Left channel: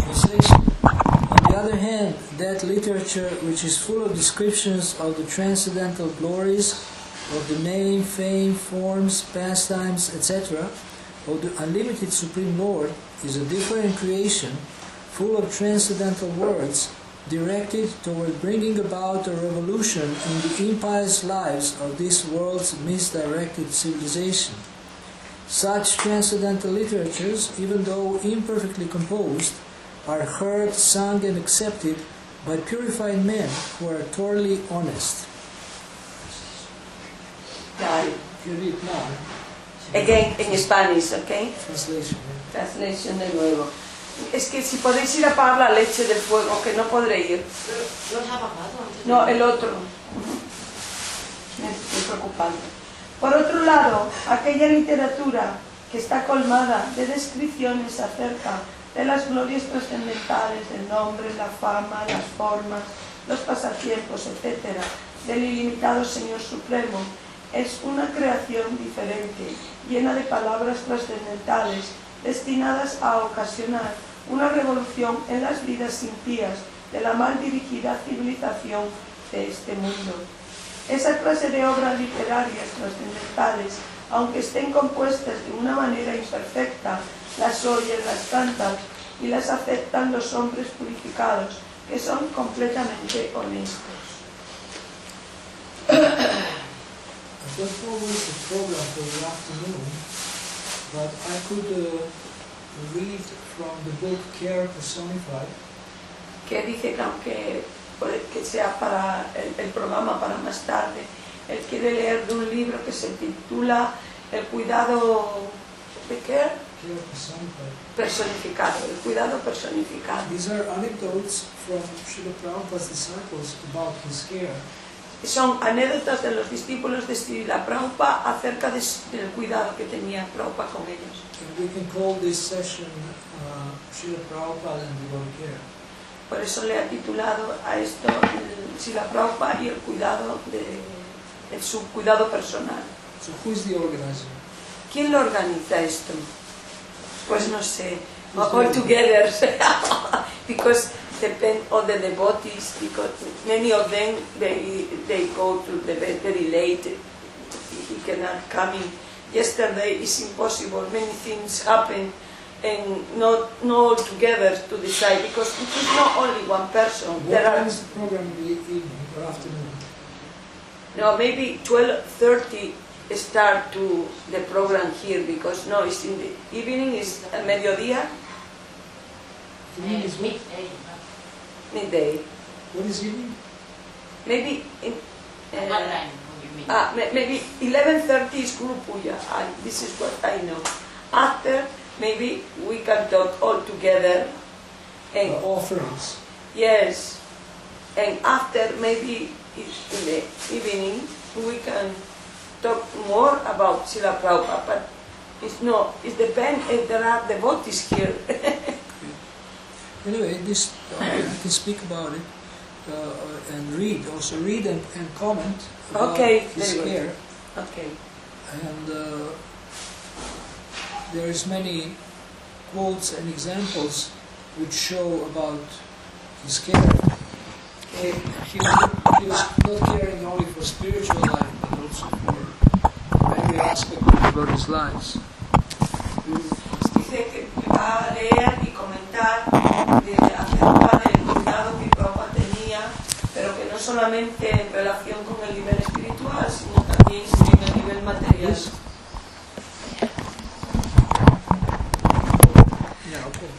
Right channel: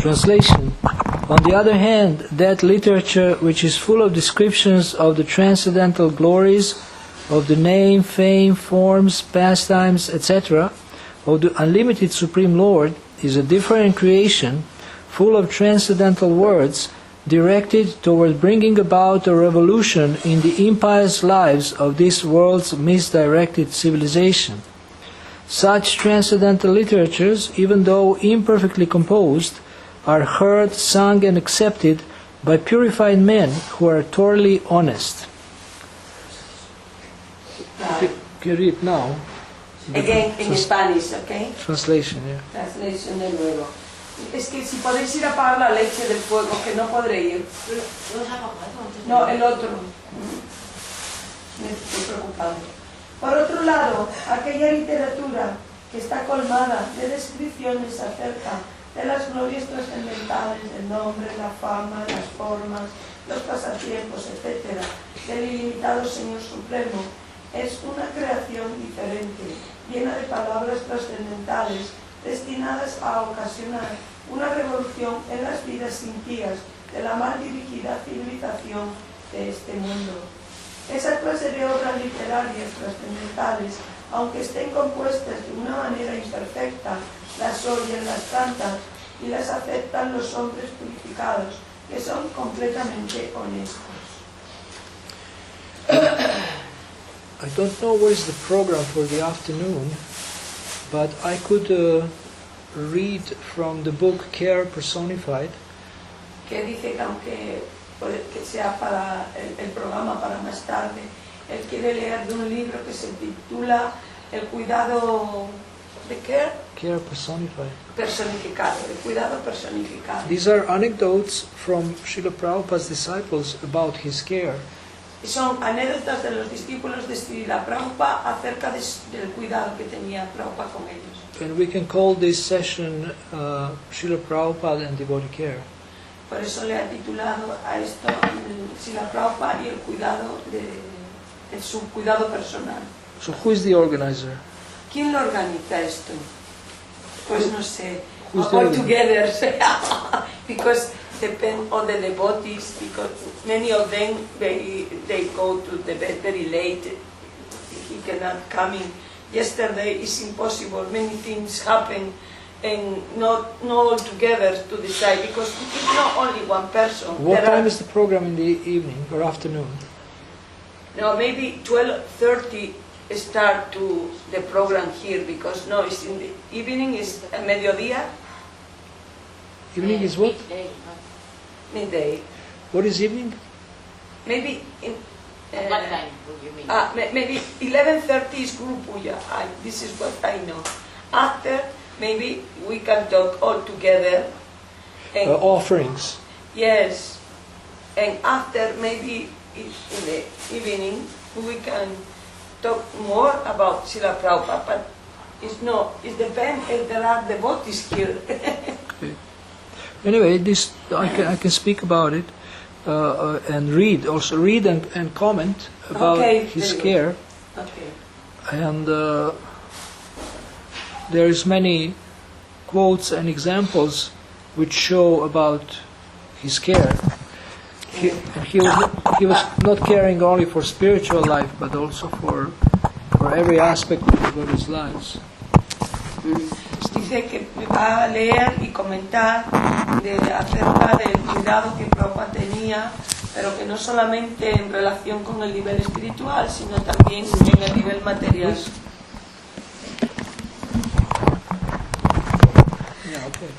Translation. On the other hand, that literature which is full of descriptions of the transcendental glories of the name, fame, forms, pastimes, etc., of the unlimited Supreme Lord is a different creation, full of transcendental words, directed toward bringing about a revolution in the impious lives of this world's misdirected civilization. Such transcendental literatures, even though imperfectly composed, are heard, sung, and accepted by purified men who are thoroughly honest. Can you read now? Again, in Spanish, okay? Translation, yeah. Translation de nuevo. Es que si podéis ir a apagar la leche del fuego, que no podré ir. No, el otro. Me estoy preocupando. Por otro lado, aquella literatura que está colmada de descripciones acerca de las glorias trascendentales, del nombre, la fama, las formas, los pasatiempos, etc., del ilimitado Señor Supremo, es una creación diferente, llena de palabras trascendentales, destinadas a ocasionar una revolución en las vidas impías de la mal dirigida civilización de este mundo. Esa clase de obras literarias trascendentales, aunque estén compuestas de una manera imperfecta, las oyen, las cantan y las aceptan los hombres purificados, que son completamente honestos. I don't know what is the program for the afternoon, but I could read from the book Care Personified. Que dice que aunque puede que sea para el programa para más tarde, él quiere leer de un libro que se titula El cuidado de Care. Care Personified. Personificado, el cuidado personificado. These are anecdotes from Srila Prabhupada's disciples about his care. Son anécdotas de los discípulos de Srila Prabhupada acerca del cuidado que tenía Prabhupada con ellos. And we can call this session Srila Prabhupada and Devotee Care. Por eso le ha titulado a esto Srila Prabhupada y el cuidado su cuidado personal. So who is the organizer? ¿Quién lo organiza esto? Pues no sé. All together, because depend on the devotees, because many of them they go to the bed very late. He cannot come in. Yesterday is impossible. Many things happen, and not all together to decide, because it is not only one person. What time is the program in the evening or afternoon? No, maybe 12:30 start to the program here, because no, it's in the evening. Is a mediodía. Evening is what? Midday. What is evening? Maybe in. What time would you mean? Maybe 11:30 is Guru Puja. This is what I know. After, maybe we can talk all together. And Offerings. yes, and after maybe in the evening we can talk more about Srila Prabhupada. But it depends if there are devotees here. Anyway, this I can speak about it and read and comment about his care. Okay. And there is many quotes and examples which show about his care. He was not caring only for spiritual life, but also for every aspect of devotees' lives. Dice que va a leer y comentar acerca del cuidado que Prabhupada tenía, pero que no solamente en relación con el nivel espiritual, sino también en el nivel material. Yes. Yeah, okay.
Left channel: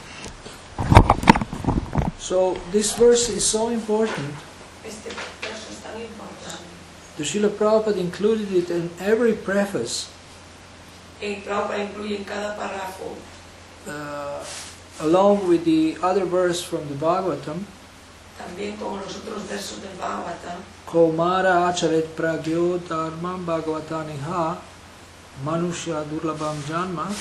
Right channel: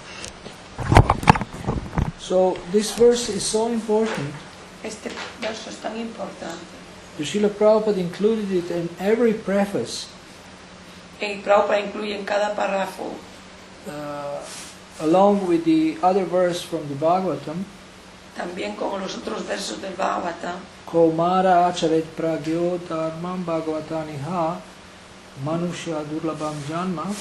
So this verse is so important. Este verso es tan importante. The Srila Prabhupada included it in every preface. El Prabhupada incluye en cada párrafo, along with the other verse from the Bhagavatam, también con los otros versos del Bhagavatam, Kaumara acharet pragyo dharmam bhagavataniha manushya durlabham janma.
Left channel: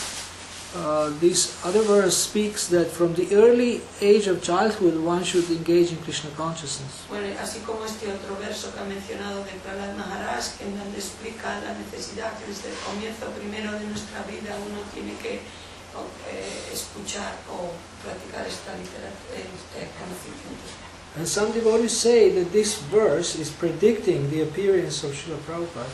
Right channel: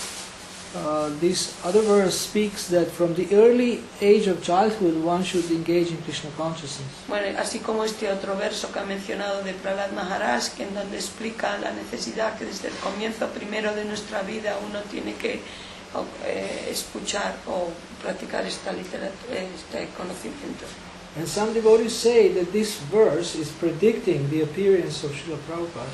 this other verse speaks that from the early age of childhood one should engage in Krishna consciousness. Bueno, así como este otro verso que ha mencionado de Prahlad Maharaj, que en donde explica la necesidad que desde el comienzo primero de nuestra vida uno tiene que escuchar o practicar este conocimiento. And some devotees say that this verse is predicting the appearance of Srila Prabhupada.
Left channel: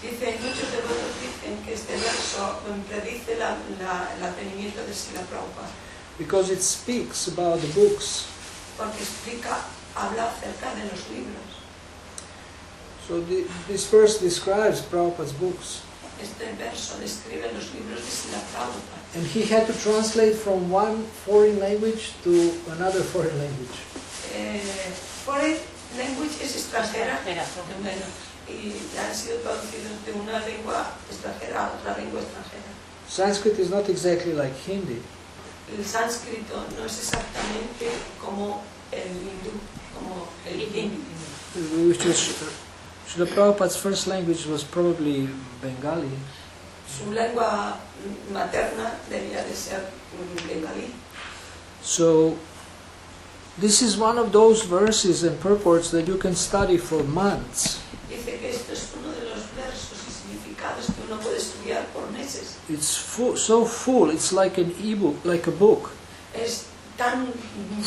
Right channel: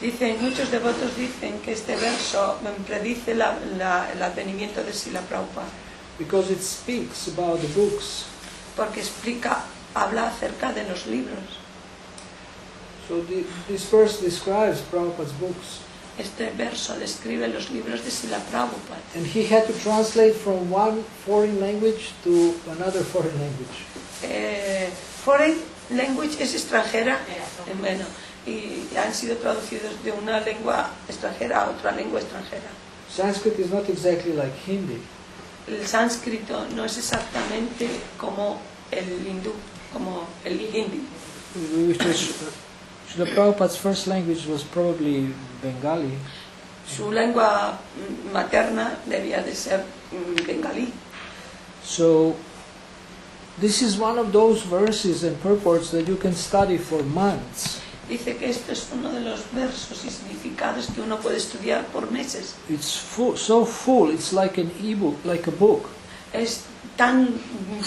Muchos devotos dicen que este verso predice el advenimiento de Srila Prabhupada. Because it speaks about the books. Porque habla acerca de los libros. So this verse describes Prabhupada's books. Este verso describe los libros de Srila Prabhupada. And he had to translate from one foreign language to another foreign language. Foreign language es extranjera, bueno, y han sido traducidos de una lengua extranjera a otra lengua extranjera. Sanskrit is not exactly like Hindi. El sánscrito no es exactamente como el hindú, como el hindi. Which was Srila Prabhupada's first language was probably Bengali. Su lengua materna debía de ser bengalí. So this is one of those verses and purports that you can study for months. Dice que esto es uno de los versos y significados que uno puede estudiar por meses. It's so full, it's like an ebook, like a book. Es tan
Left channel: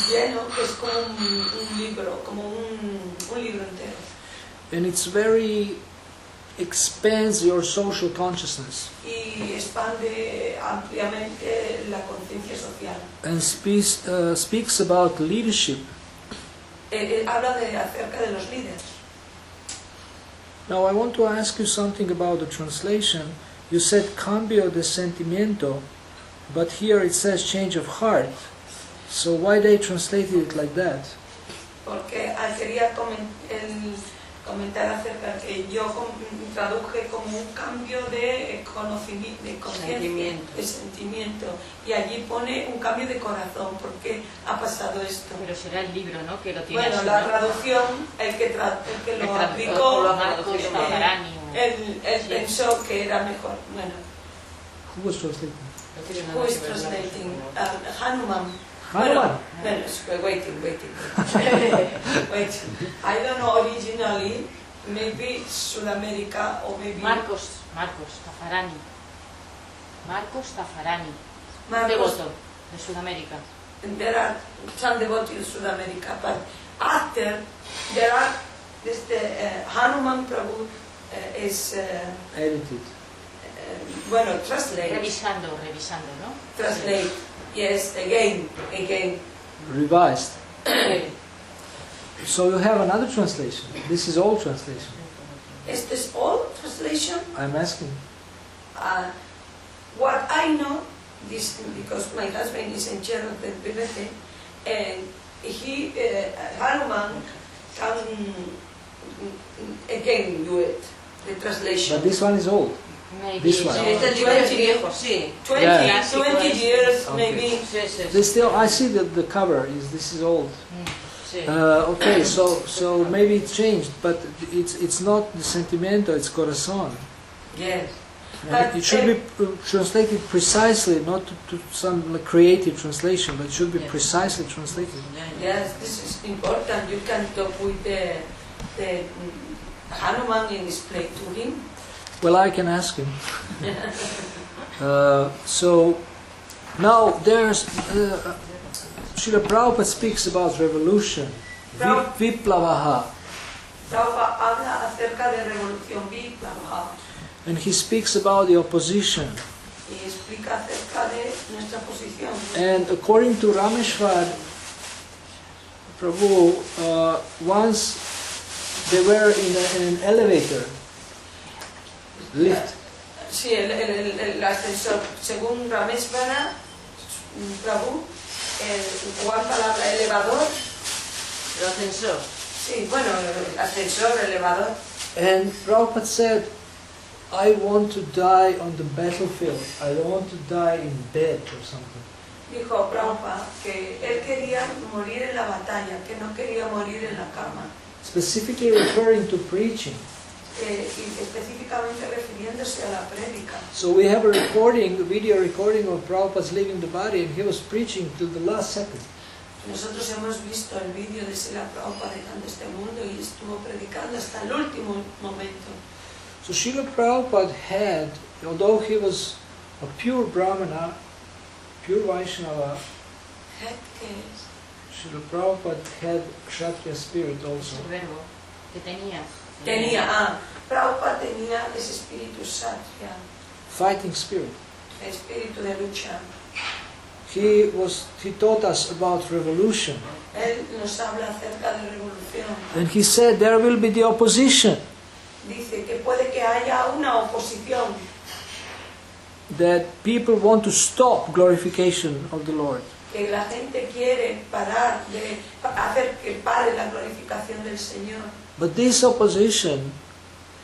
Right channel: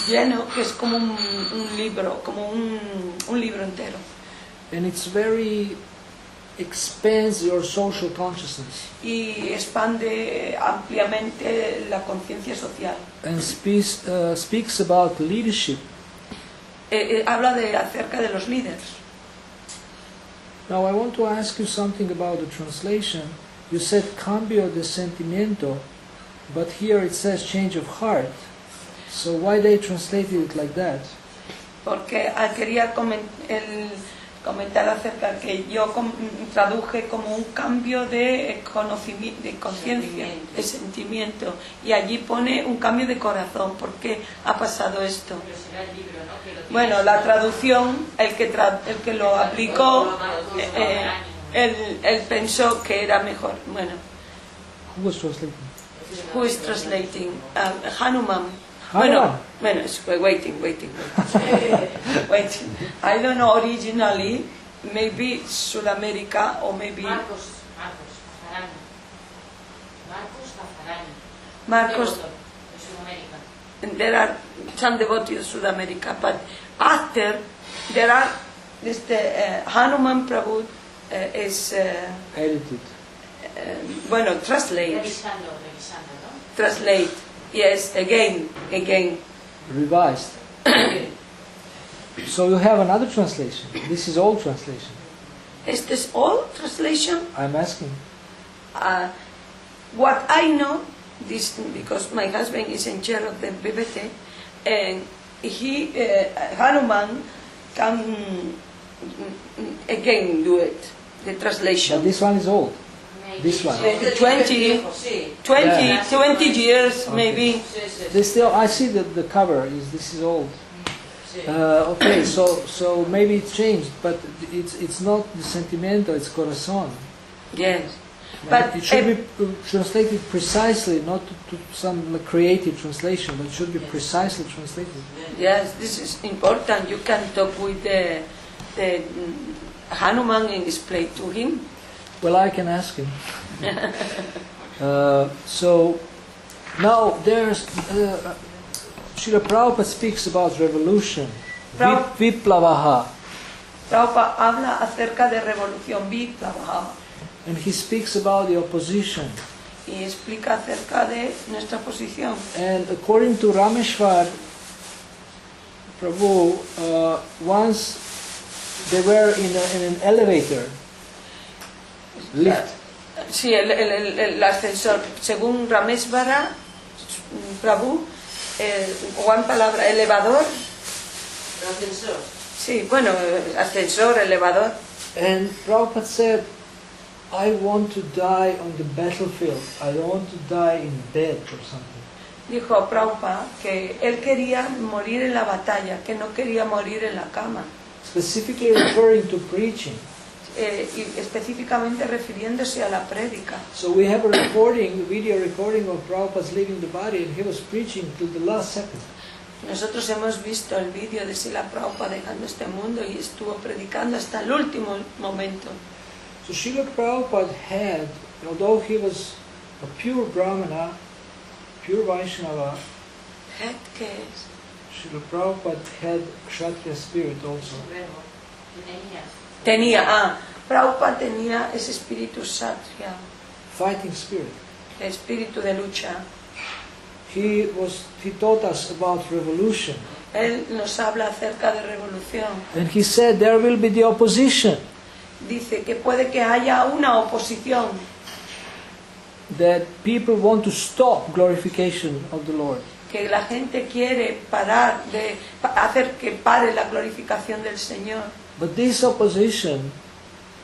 lleno que es como un libro, como un libro entero. And it's very expands your social consciousness. Y expande ampliamente la conciencia social. And speaks about leadership. Habla acerca de los líderes. Now I want to ask you something about the translation. You said cambio de sentimiento, but here it says change of heart. So why they translated it like that? Porque quería comentar acerca que yo traduje como un cambio de conocimiento, de conciencia, de sentimiento, y allí pone un cambio de corazón. ¿Por qué ha pasado esto? Pero será el libro, ¿no? Que lo tiene. Bueno, la traducción, el que lo aplicó, él pensó que era mejor. Bueno. Who was translating? Who is translating? Hanuman. Hanuman. Bueno, waiting. I don't know originally, maybe Sudamérica or maybe... Marcos Tafarani. Marcos Devoto de Sudamérica. There are some devotees of Sudamérica, but after there are Hanuman Prabhu is Edited. bueno, translate. Revisando, ¿no? Translate. Yes, again. Revised. So you have another translation. This is old translation. Is this all translation? I'm asking. What I know, this because my husband is in charge of the bibliothèque, and Hanuman can again do it, the translation. But this one is old. Maybe. This one. It's 20 years, Okay. maybe. This still, I see that the cover this is old. Okay, so maybe it changed, but it's not the sentimiento, it's corazón. Yes. And But it should be translated precisely, not to some creative translation, but it should be precisely translated. Yes, this is important. You can talk with the Hanuman and explain to him. Well, I can ask him. So now there's Srila Prabhupada speaks about revolution, viplavaha, Prabhupada habla acerca de revolución viplava and he speaks about the opposition. y explica acerca de nuestra posición. And according to Rameshwar Prabhu, once they were in an elevator, lift. Sí, el ascensor. Según Rameshvara Prabhu, ¿cuál palabra? Elevador. El ascensor. Sí, bueno, ascensor, elevador. And Prabhupada said, I want to die on the battlefield. I don't want to die in bed or something. Dijo Prabhupada que él quería morir en la batalla, que no quería morir en la cama. Specifically referring to preaching. y específicamente refiriéndose a la prédica. So we have a recording, a video recording of Prabhupada's leaving the body, and he was preaching till the last second. Nosotros hemos visto el vídeo de Srila Prabhupada dejando este mundo y estuvo predicando hasta el último momento. So Srila Prabhupada had, although he was a pure Brahmana, pure Vaishnava, ¿Qué es? Srila Prabhupada had Kshatriya spirit also. Supremo. ¿Qué tenía? Prabhupada tenía ese espíritu Kshatriya, Fighting spirit. espíritu de lucha. He taught us about revolution. Él nos habla acerca de revolución. And he said there will be the opposition, Dice que puede que haya una oposición, that people want to stop glorification of the Lord. que la gente quiere parar de hacer que pare la glorificación del Señor. But this opposition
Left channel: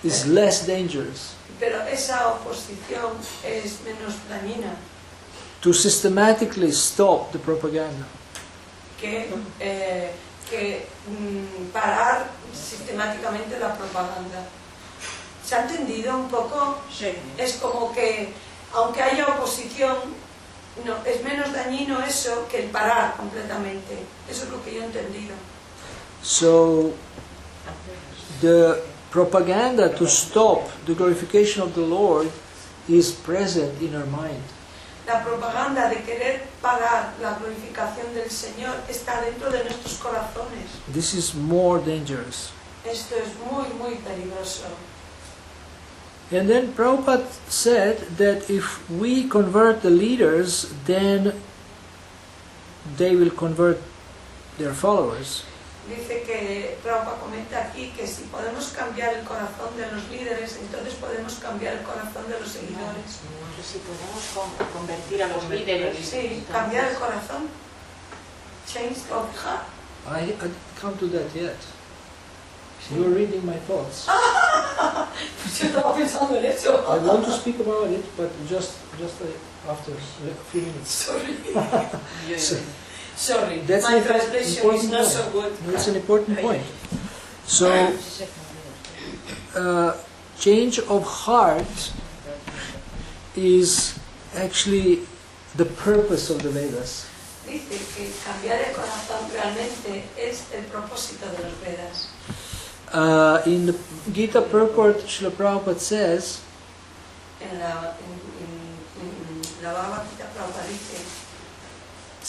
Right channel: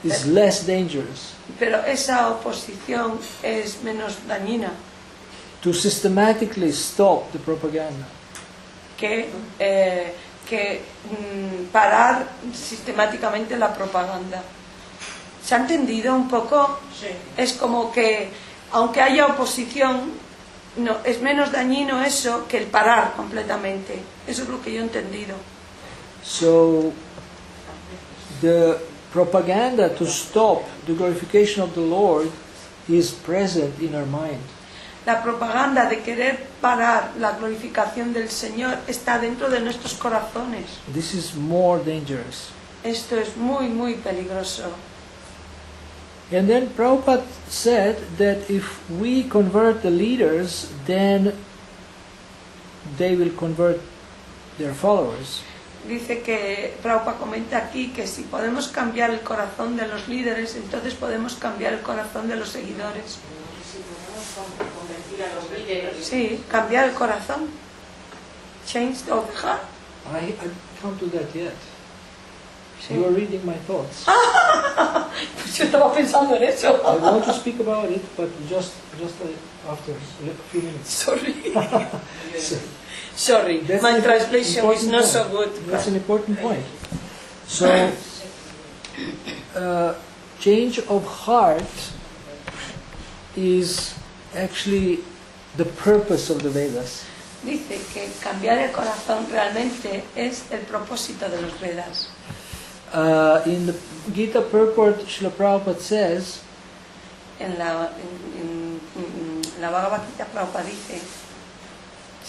is less dangerous. Pero esa oposición es menos dañina To systematically stop the propaganda. que parar sistemáticamente la propaganda. ¿Se ha entendido un poco? Sí. Es como que, aunque haya oposición, no, es menos dañino eso que el parar completamente. Eso es lo que yo he entendido. So the propaganda to stop the glorification of the Lord is present in our mind. La propaganda de querer parar la glorificación del Señor está dentro de nuestros corazones. This is more dangerous. Esto es muy, muy peligroso. And then Prabhupada said that if we convert the leaders, then they will convert their followers. Dice que Prabhupada comenta aquí que si podemos cambiar el corazón de los líderes, entonces podemos cambiar el corazón de los seguidores. Si podemos convertir a los líderes. Sí, cambiar el corazón. Change of heart. I didn't come to that yet. You are reading my thoughts. Pues yo estaba pensando en eso. I want to speak about it, but just after a few minutes. Sorry. So, Sorry, that's my an translation is important not point. so good. That's an important point. So, change of heart is actually the purpose of the Vedas. Dice que cambiar el corazón realmente es el propósito de los Vedas. In the Gita purport, Srila Prabhupada says, En la Bhagavad Gita Prabhupada dice,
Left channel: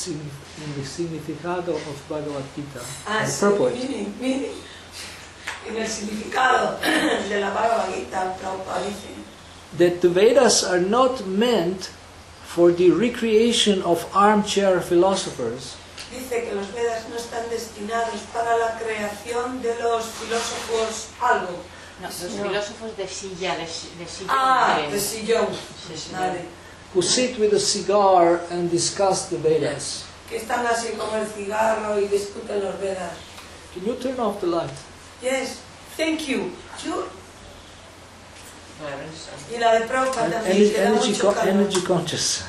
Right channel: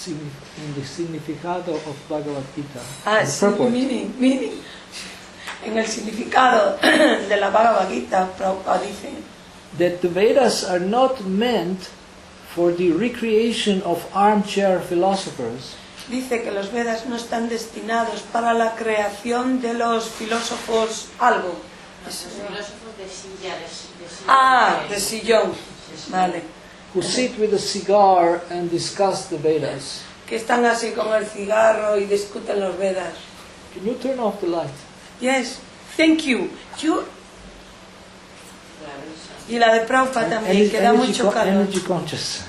in the significado of Bhagavad Gita, the sí, purport, meaning. En el significado de la Bhagavad Gita Prabhupada dice that the Vedas are not meant for the recreation of armchair philosophers, Dice que los Vedas no están destinados para la creación de los filósofos algo. No, los filósofos de silla, de silla. De sillón. Vale. who sit with a cigar and discuss the Vedas. Que están así como el cigarro y discuten los Vedas. Can you turn off the light? Yes, thank you. Y la de Prabhupada también. Energy, que da mucho calor. energy conscious.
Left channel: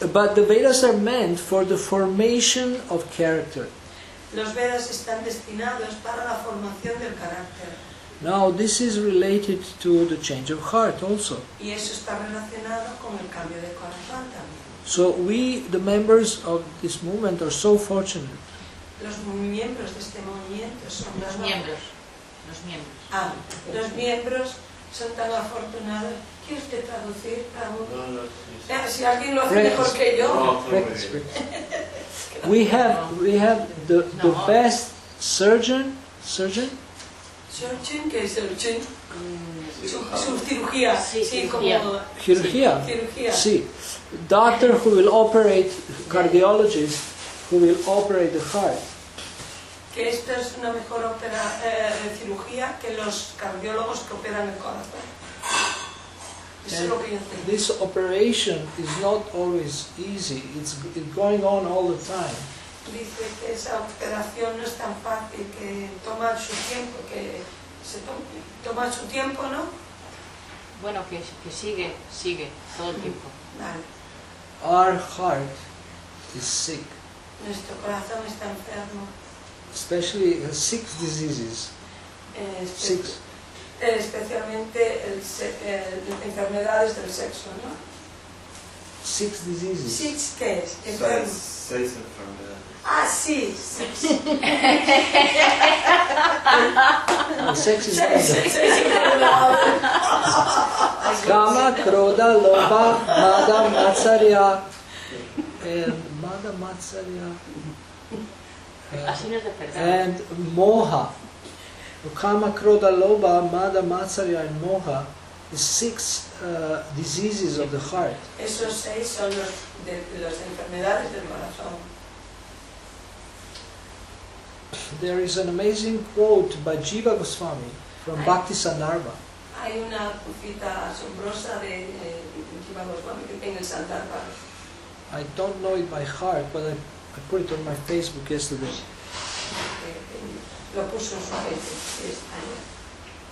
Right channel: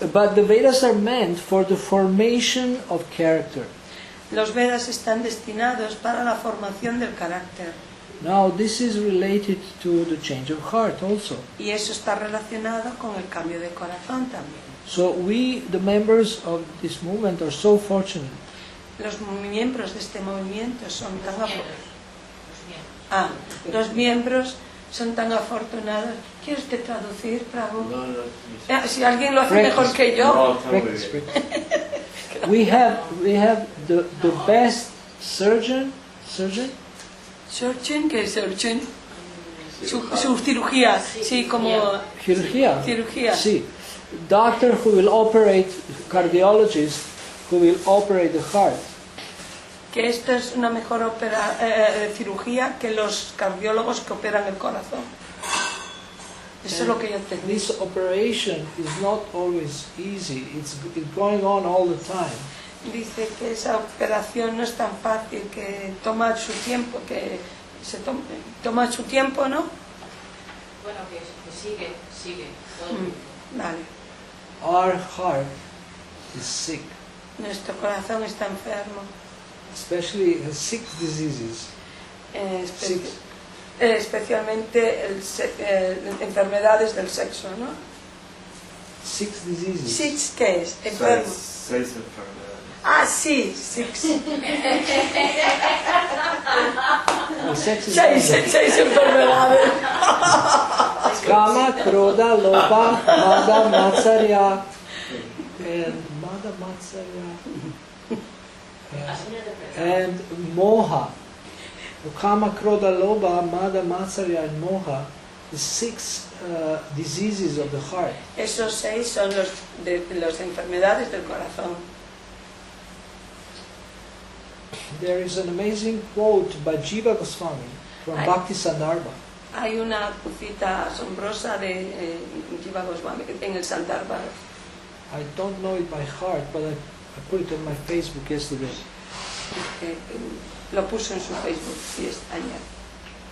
But the Vedas are meant for the formation of character. Los Vedas están destinados para la formación del carácter. Now, this is related to the change of heart also. Y eso está relacionado con el cambio de corazón también. So we, the members of this movement, are so fortunate Los miembros de este movimiento son tan Los miembros. son tan afortunados. ¿Quiere usted traducir, Prabhu? No, Si alguien lo hace Practice. mejor que yo. Practice, practice. We have the best surgeon. Surgeon, ¿qué es surgeon? Su cirugía, sí, como Chirurgia. cirugía. See, doctor who will operate, cardiologist who will operate the heart. Que esto es una mejor cirugía que los cardiólogos que operan el corazón. Eso es lo que yo tengo. This operation is not always easy. It's going on all the time. Dice que esa operación no es tan fácil, que toma su tiempo, que se toma su tiempo, ¿no? Bueno, que sigue todo el tiempo. Vale. Our heart is sick, Nuestro corazón está enfermo. especially has 6 diseases. Six. Especialmente enfermedades del sexo, ¿no? 6 diseases. Six, ¿qué es? Enfermo. Seis enfermedades. Ah, sí, six. Well, sex is Seis enfermedades. Kama, Krodha, Lobha, Mada, Matsarya, and Mada, Matsarya, Así no es de pecado. and Moha. Kama, Krodha, Lobha, Mada, Matsarya, and Moha is 6 diseases of the heart. Esos 6 son las enfermedades del corazón. There is an amazing quote by Jiva Goswami from Bhakti Sandarbha. Hay una cita asombrosa de Jiva Goswami en el Sandarbha. I don't know it by heart, but I put it on my Facebook yesterday. Lo puso en su Facebook, sí, está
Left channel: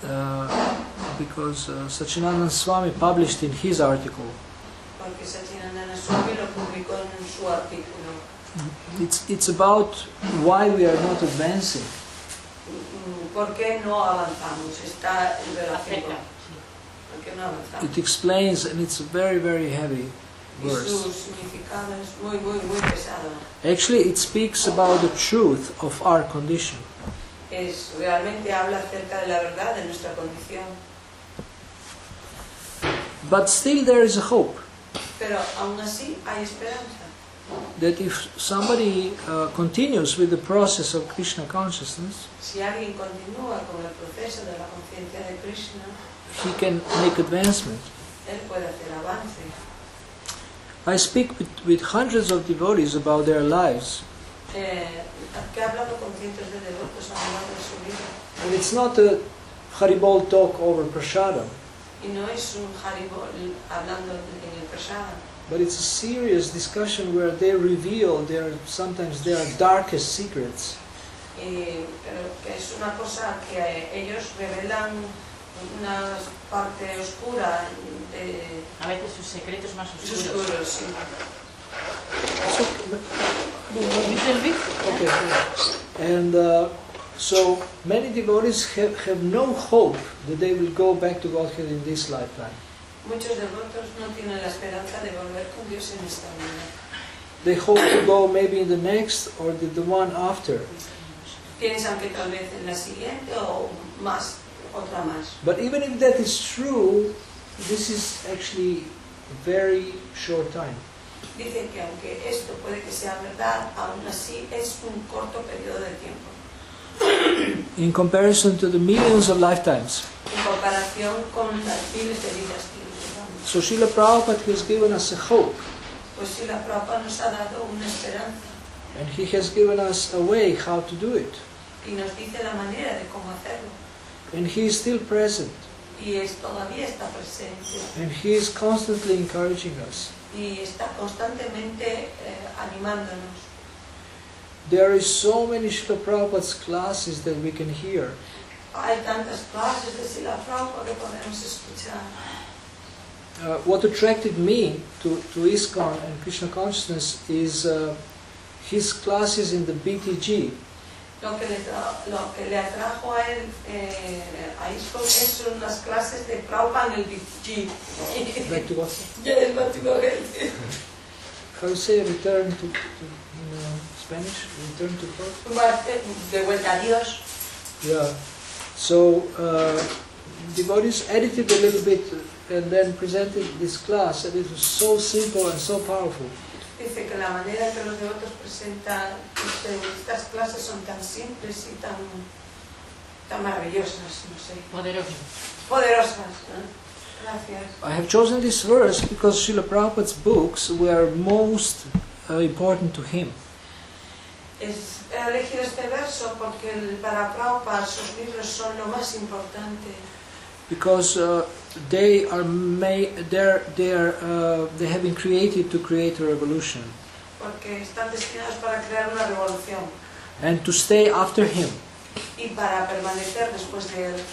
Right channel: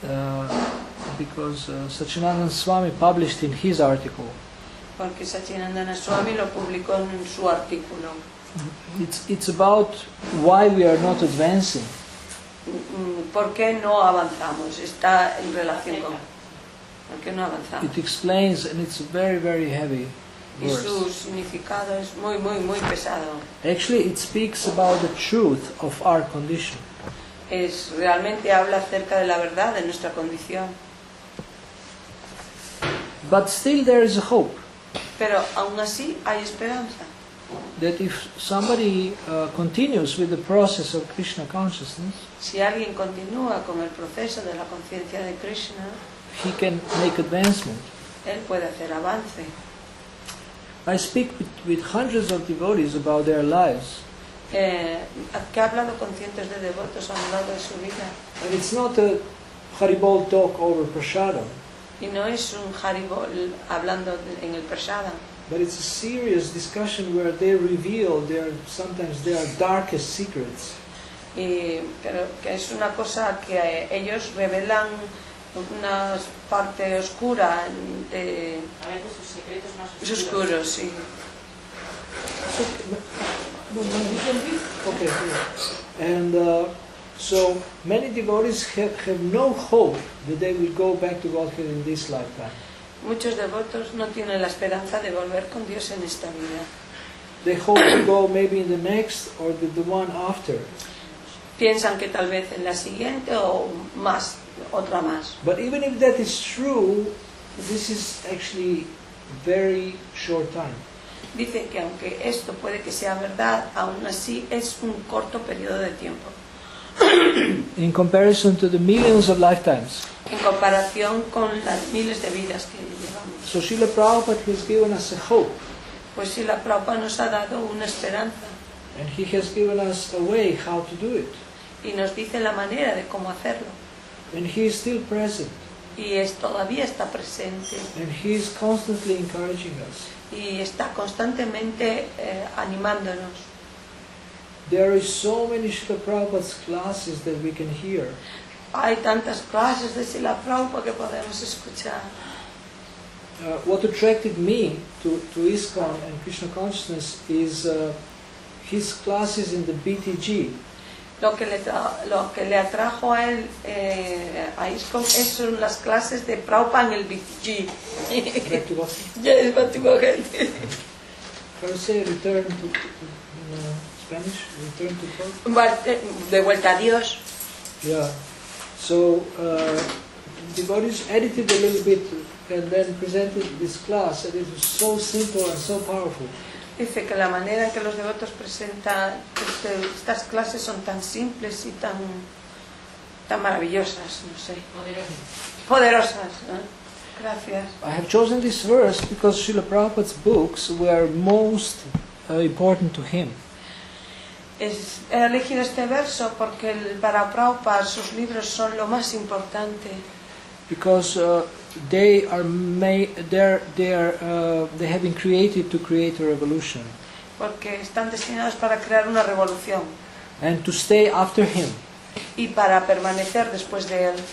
allá. Because Sachinandan Swami published in his article. Porque Satyanandana Swami lo publicó en su artículo. It's about why we are not advancing. ¿Por qué no avanzamos? Está en relación con ¿por qué no avanzamos? It explains, and it's a very, very heavy Y verse. su significado es muy, muy, muy pesado. Actually, it speaks about the truth of our condition. Realmente habla acerca de la verdad de nuestra condición. But still there is a hope Pero aún así hay esperanza. that if somebody continues with the process of Krishna consciousness, Si alguien continúa con el proceso de la conciencia de Krishna, he can make advancement. él puede hacer avance. I speak with hundreds of devotees about their lives, Que ha hablado con cientos de devotos a lo largo de su vida. and it's not a Haribol talk over prasadam, Y no es un Haribol hablando en el Prasada, but it's a serious discussion where they reveal sometimes their darkest secrets. pero que es una cosa que ellos revelan una parte oscura de A veces sus secretos más sus oscuros. oscuros, sí. So, okay, yeah. And so many devotees have no hope that they will go back to Godhead in this lifetime. Muchos devotos no tienen la esperanza de volver con Dios en esta vida. They hope to go maybe in the next or the one after. Piensan que tal vez en la siguiente o más, otra más. But even if that is true, this is actually very short time. Dice que aunque esto puede que sea verdad, aún así es un corto periodo de tiempo. In comparison to the millions of lifetimes. En comparación con las miles de vidas que llevamos. So Srila Prabhupada has given us a hope, Pues si la Prabhupada nos ha dado una esperanza and he has given us a way how to do it. y nos dice la manera de cómo hacerlo. And he is still present, Y todavía está presente and he is constantly encouraging us. y está constantemente animándonos. There is so many Srila Prabhupada's classes that we can hear. Hay tantas clases de Srila Prabhupada que podemos escuchar. What attracted me to ISKCON and Krishna consciousness is his classes in the BTG. Lo que le atrajo a él a ISKCON son las clases de Prabhupada en el BTG. Back to what? Yes, back to Godhead. How do you say return to Spanish? Return to God? De vuelta a Dios. Yeah. So devotees edited a little bit and then presented this class, and it was so simple and so powerful. Dice que la manera en que los devotos presentan estas clases son tan simples y tan maravillosas, no sé, poderosas, ¿no? Gracias. I have chosen this verse because Srila Prabhupada's books were most important to him. He elegido este verso porque para Prabhupada sus libros son lo más importante. Because they have been created to create a revolution Porque están destinados para crear una revolución and to stay after him. y para permanecer después de él.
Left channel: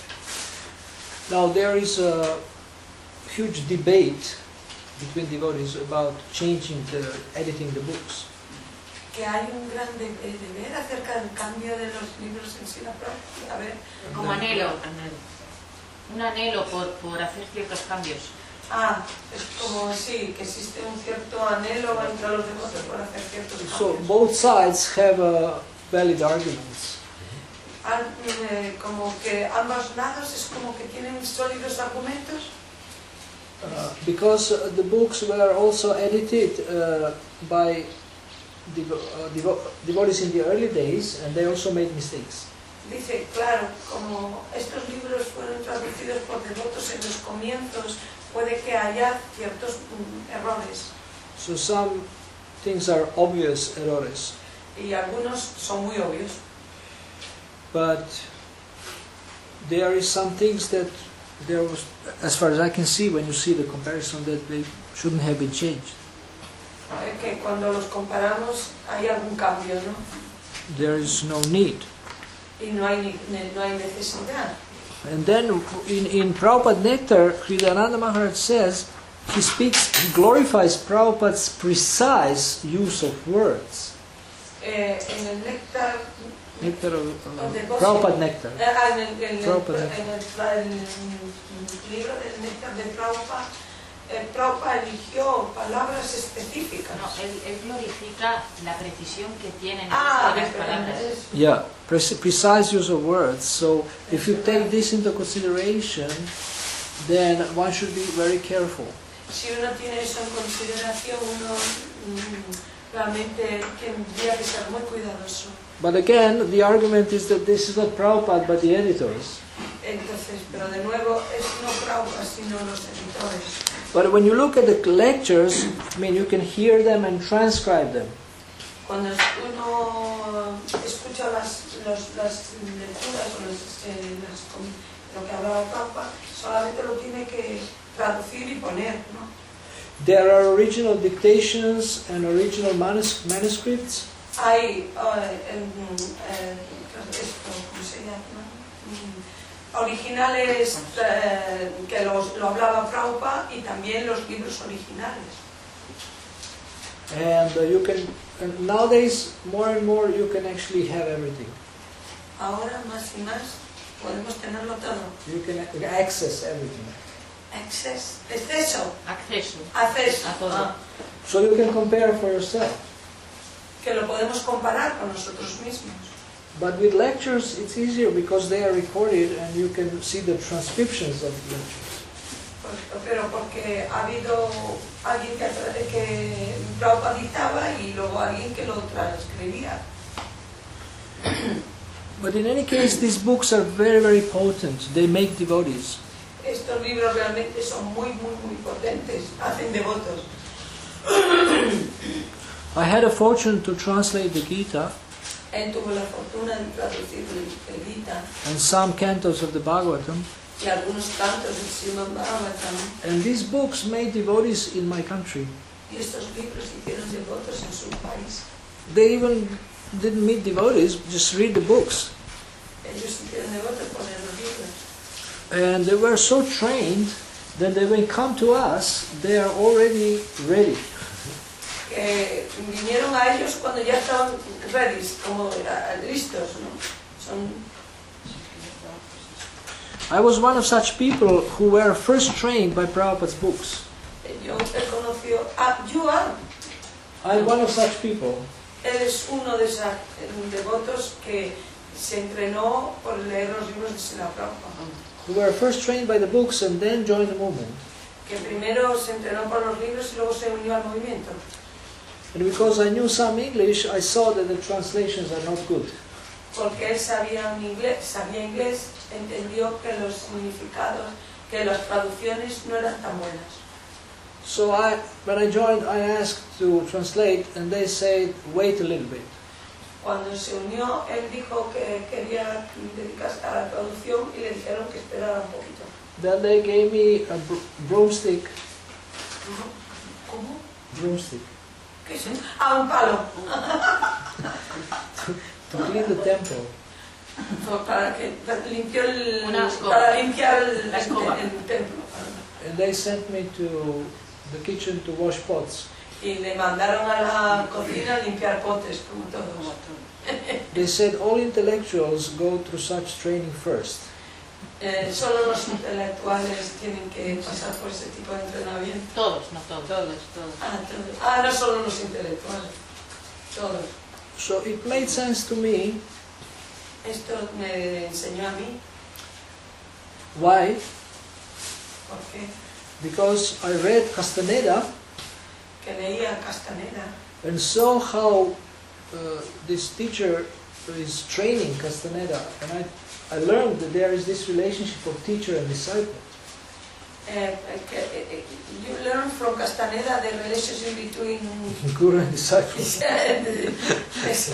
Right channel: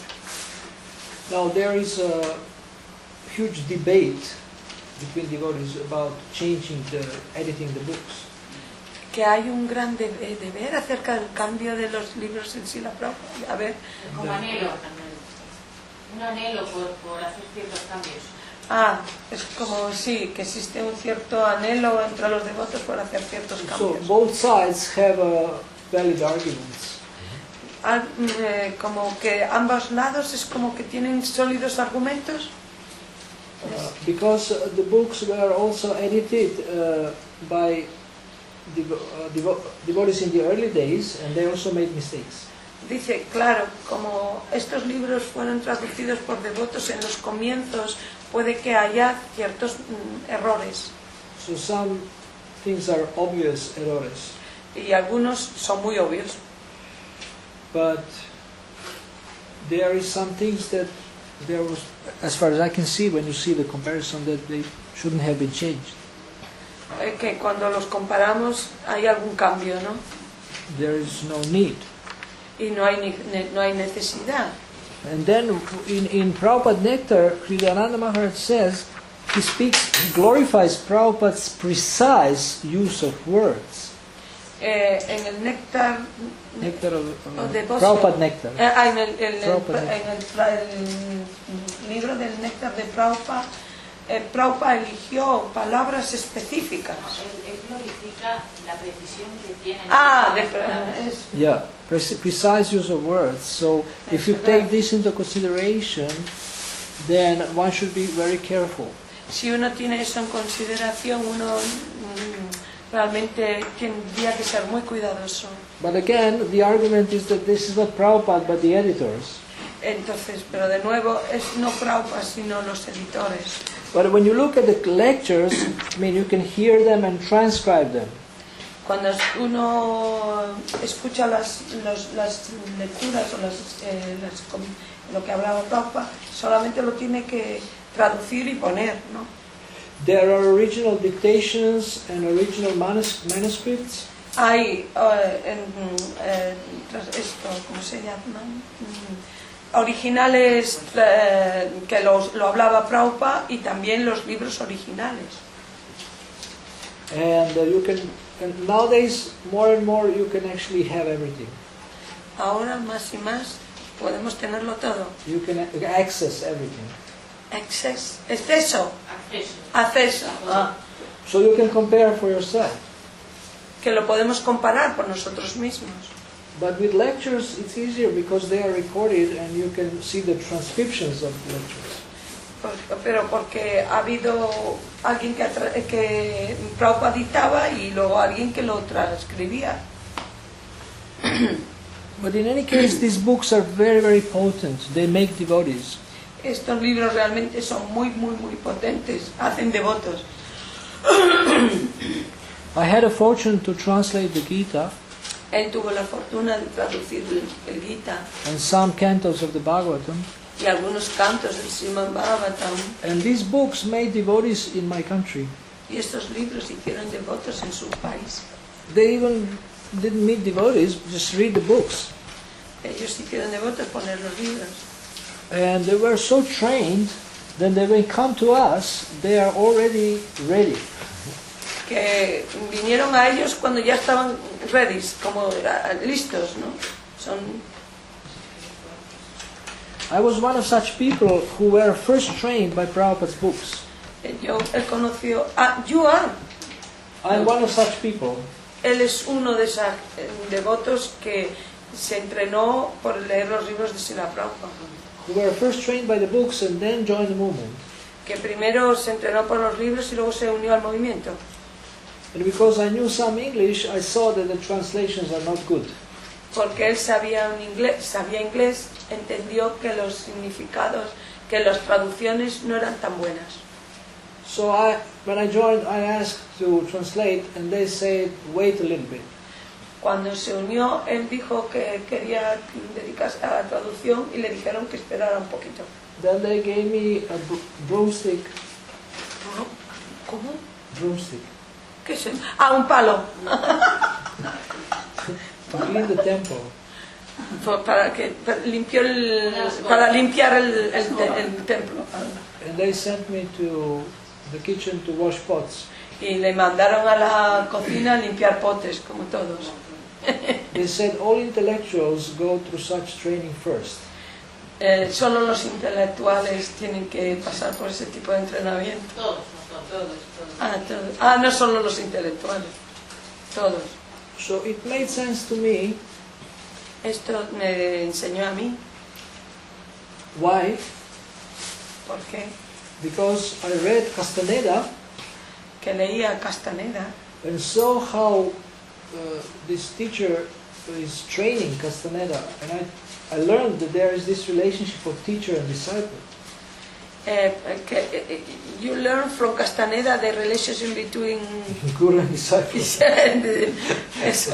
Now there is a huge debate between devotees about editing the books. que hay un gran deber acerca del cambio de los libros en Srila Prabhupada. A ver. Como anhelo. Un anhelo por hacer ciertos cambios. Es como, sí, que existe un cierto anhelo entre los devotos por hacer ciertos cambios. So both sides have valid arguments. Como que ambos lados es como que tienen sólidos argumentos. Because the books were also edited by devotees in the early days, and they also made mistakes. Dice, claro, como estos libros fueron traducidos por devotos en los comienzos, puede que haya ciertos errores. So some things are obvious errors. Y algunos son muy obvios. But there is some things that there was, as far as I can see, when you see the comparison, that they shouldn't have been changed. Que cuando los comparamos hay algún cambio, ¿no? There is no need. Y no hay necesidad. And then in Prabhupada Nectar, Kriyananda Maharaj says, he glorifies Prabhupada's precise use of words. En el néctar Nectar of Prabhupada Nectar. En el libro del néctar de Prabhupada, Prabhupada eligió palabras específicas. No, él glorifica la precisión que tienen de las palabras. Yeah, precise use of words. So if you take this into consideration, then one should be very careful. Si uno tiene eso en consideración, uno realmente tendría que ser muy cuidadoso. But again, the argument is that this is not Prabhupada but the editors. Entonces, pero de nuevo, es no Prabhupada sino los editores. But when you look at the lectures, I mean, you can hear them and transcribe them. Cuando uno escucha las lecturas o lo que hablaba Prabhupada, solamente lo tiene que traducir y poner, ¿no? There are original dictations and original manuscripts. Hay, ¿cómo se llama? Originales que lo hablaba Prabhupada y también los libros originales. And and nowadays, more and more, you can actually have everything. Ahora más y más podemos tenerlo todo. You can access everything. Acceso. So you can compare for yourself. Que lo podemos comparar con nosotros mismos. But with lectures, it's easier because they are recorded and you can see the transcriptions of lectures. Pero porque ha habido alguien que Prabhupada dictaba y luego alguien que lo transcribía. But in any case, these books are very, very potent. They make devotees. Estos libros realmente son muy potentes, hacen devotos. I had a fortune to translate the Gita Él tuvo la fortuna de traducir el Gita and some cantos of the Bhagavatam. y algunos cantos del Srimad Bhagavatam. And these books made devotees in my country. Y estos libros hicieron devotos en su país. They even didn't meet devotees, just read the books. Ellos hicieron devotos por leer los libros. And they were so trained that when they come to us, they are already ready. Que vinieron a ellos cuando ya estaban ready, como listos, ¿no? I was one of such people who were first trained by Prabhupada's books. Yo he conocido you are. I'm one of such people. Él es uno de esos devotos que se entrenó por leer los libros de Srila Prabhupada. Who were first trained by the books and then joined the movement. Que primero se entrenó por los libros y luego se unió al movimiento. And because I knew some English, I saw that the translations are not good. Porque él sabía inglés, entendió que los significados, que las traducciones no eran tan buenas. So when I joined, I asked to translate, and they said, wait a little bit. Cuando se unió, él dijo que quería dedicarse a la traducción y le dijeron que esperara un poquito. Then they gave me a broomstick. ¿Cómo? Broomstick. ¿Qué es? Un palo. To clean the temple. Para limpiar el templo. And they sent me to the kitchen to wash pots. Y le mandaron a la cocina a limpiar potes, como todos. They said all intellectuals go through such training first. Solo los intelectuales tienen que pasar por ese tipo de entrenamiento. Todos, no todos. No solo los intelectuales, todos. So it made sense to me. Esto me enseñó a mí. Why? ¿Por qué? Because I read Castaneda Que leía Castaneda and saw how this teacher is training Castaneda, and I learned that there is this relationship of teacher and disciple. You learn from Castaneda the relationship between Guru and disciple. Eso.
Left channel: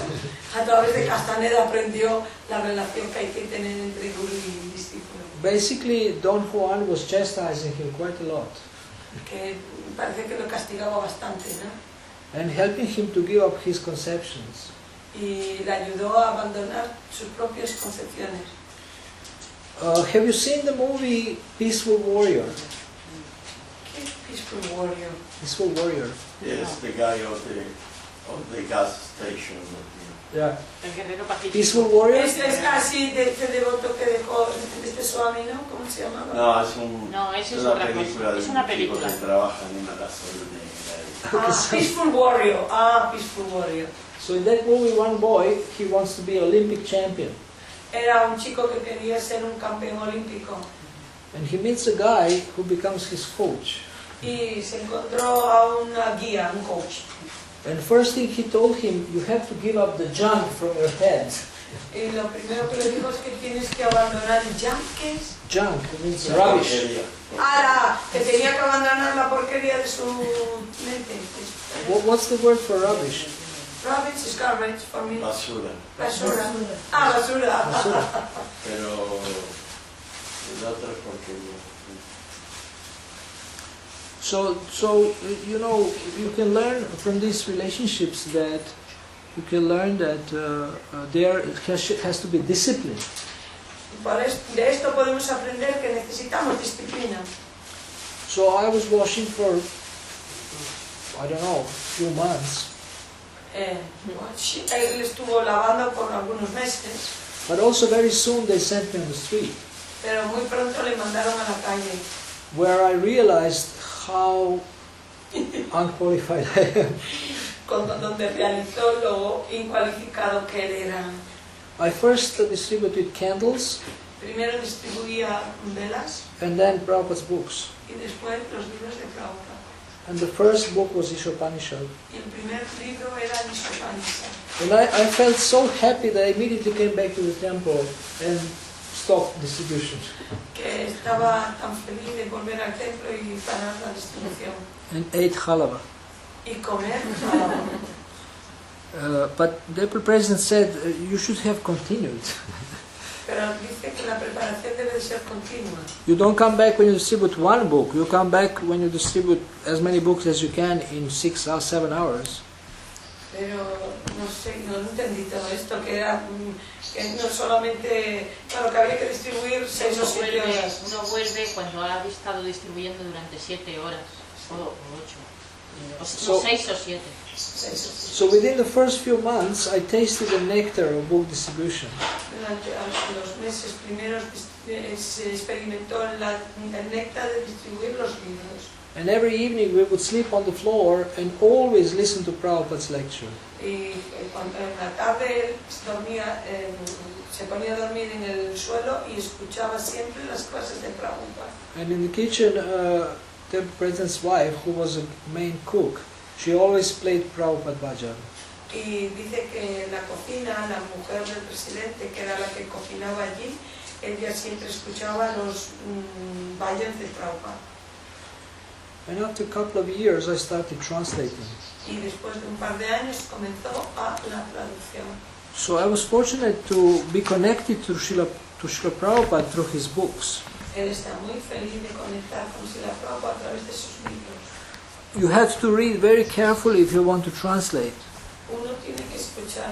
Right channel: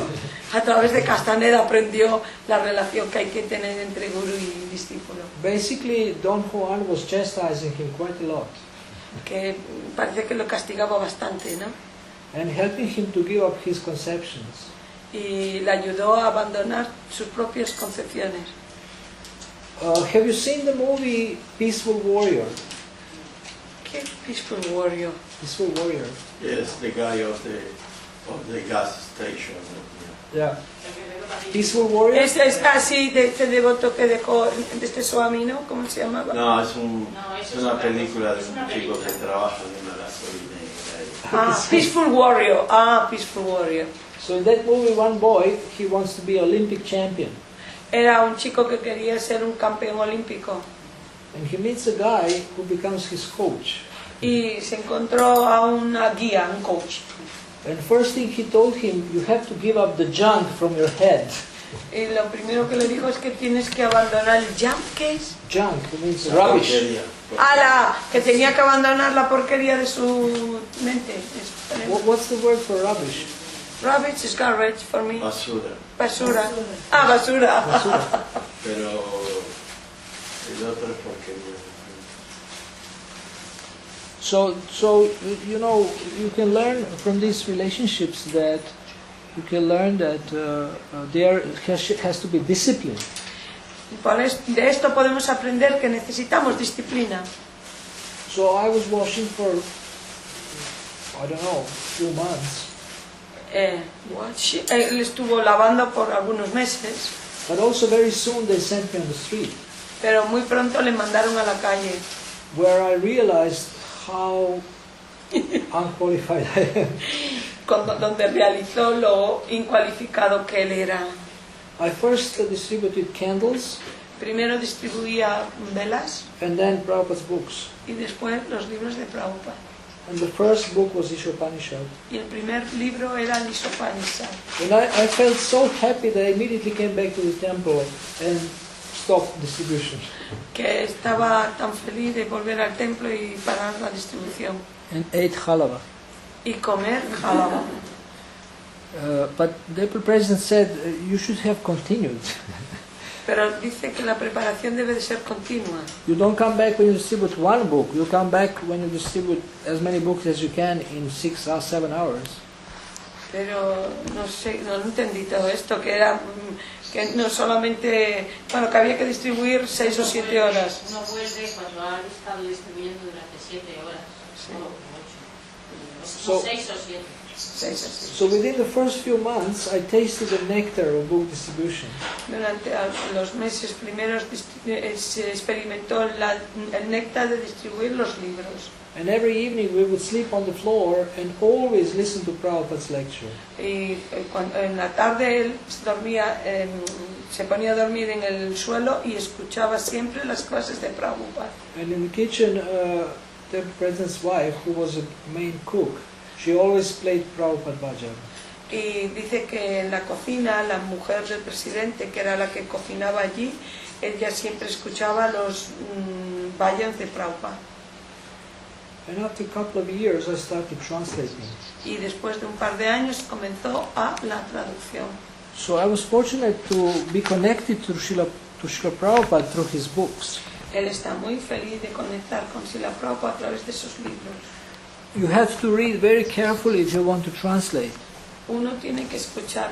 A través de Castaneda aprendió la relación que hay que tener entre guru y discípulo. Basically, Don Juan was chastising him quite a lot Que parece que lo castigaba bastante, ¿no? and helping him to give up his conceptions. Y le ayudó a abandonar sus propias concepciones. Have you seen the movie Peaceful Warrior? ¿Qué Peaceful Warrior? Peaceful Warrior. Yes, the guy of the gas station. Yeah. El guerrero pacífico. Peaceful Warrior. Es casi de este devoto que dejó de este Swami, ¿no? ¿Cómo se llamaba? No, es eso es una otra película cosa. de Es una un chico película. que trabaja en una gasolinera. Peaceful Warrior. Peaceful Warrior. So in that movie, one boy, he wants to be Olympic champion. Era un chico que quería ser un campeón olímpico. And he meets a guy who becomes his coach. Y se encontró a una guía, un coach. And first thing he told him, you have to give up the junk from your head. Y lo primero que le dijo es que tienes que abandonar el junk, ¿qué es? Junk means La rubbish. porquería. Que tenía que abandonar la porquería de su mente. What's the word for rubbish? Rubbish is garbage for me. Basura. Basura. Basura. Basura. Pero el otro es porquería. So you know, you can learn from these relationships that you can learn that there has to be discipline. De esto podemos aprender que necesitamos disciplina. So I was washing for, I don't know, a few months. Él estuvo lavando por algunos meses, But also very soon they sent me on the street, pero muy pronto le mandaron a la calle, where I realized how unqualified I am. donde realizó lo incualificado que él era. I first distributed candles Primero distribuía velas and then Prabhupada's books. y después los libros de Prabhupada. And the first book was Ishopanishad. Y el primer libro era el Ishopanishad. And I felt so happy that I immediately came back to the temple and stopped distribution. Que estaba tan feliz de volver al templo y parar la distribución. And ate halava. Y comer halava. But the president said you should have continued. Pero dice que la preparación debe de ser continua. You don't come back when you distribute one book. You come back when you distribute as many books as you can in 6 or 7 hours. Pero no sé, no entendí todo esto, que era que no solamente, bueno, que había que distribuir 6 o 7 horas. Uno vuelve cuando ha estado distribuyendo durante 7 horas, o 8, So- 6 o 7. So within the first few months, I tasted the nectar of book distribution. Durante los meses primeros se experimentó el néctar de distribuir los libros. And every evening we would sleep on the floor and always listen to Prabhupada's lecture. Y cuando en la tarde él se ponía a dormir en el suelo y escuchaba siempre las clases de Prabhupada. And in the kitchen, the president's wife, who was a main cook, she always played Prabhupada Bhajan. Y dice que en la cocina, la mujer del presidente, que era la que cocinaba allí, ella siempre escuchaba los bhajans de Prabhupada. And after a couple of years, I started translating. Y después de un par de años comenzó a la traducción. So I was fortunate to be connected to Srila Prabhupada through his books. Él está muy feliz de conectar con Srila Prabhupada a través de sus libros. You have to read very carefully if you want to translate. Uno tiene que escuchar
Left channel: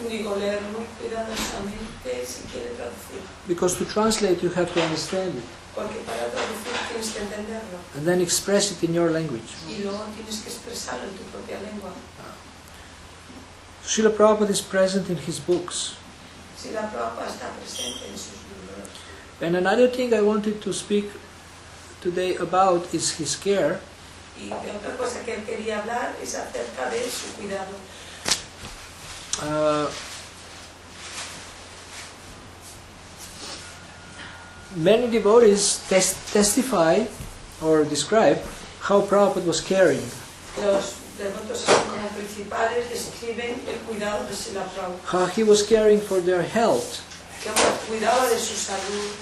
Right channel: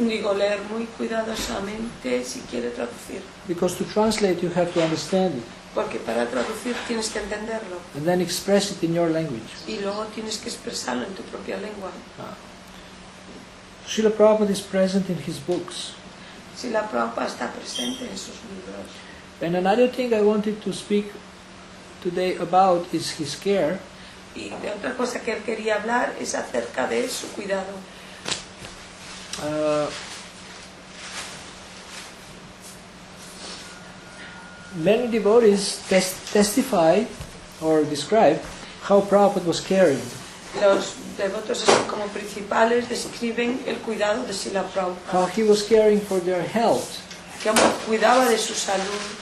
leer muy cuidadosamente si quiere traducir. Because to translate, you have to understand it. Porque para traducir tienes que entenderlo and then express it in your language. y luego tienes que expresarlo en tu propia lengua. Srila Prabhupada is present in his books. Si la Prabhupada está presente en sus libros. And another thing I wanted to speak today about is his care. Y de otra cosa que él quería hablar es acerca de su cuidado. Many devotees testify or describe how Prabhupada was caring. Los devotos así como principales describen el cuidado de Srila Prabhupada. How he was caring for their health. Que cuidaba de su salud.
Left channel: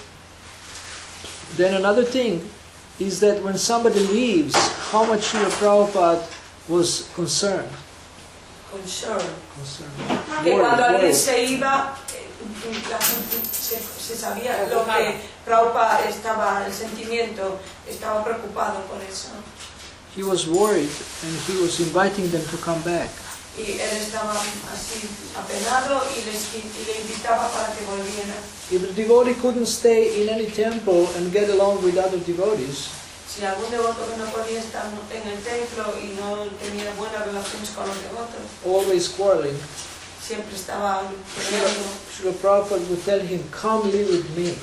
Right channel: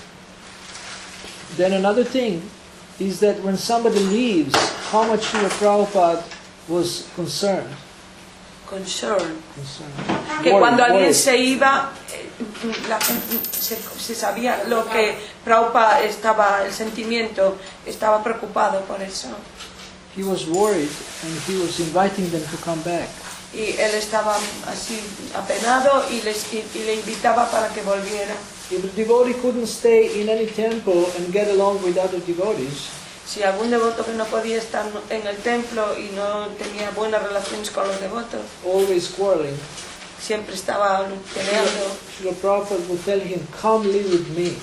Then another thing is that when somebody leaves, how much Srila Prabhupada was concerned. Concern. Concerned. Que cuando alguien Worried. se iba, se sabía lo que Prabhupada estaba, el sentimiento, estaba preocupado por eso. He was worried and he was inviting them to come back. Y él estaba así apenado y le invitaba para que volviera. If the devotee couldn't stay in any temple and get along with other devotees, Si algún devoto que no podía estar en el templo y no tenía buenas relaciones con los devotos, always quarreling, siempre estaba peleando. Srila Prabhupada would tell him, come live with me,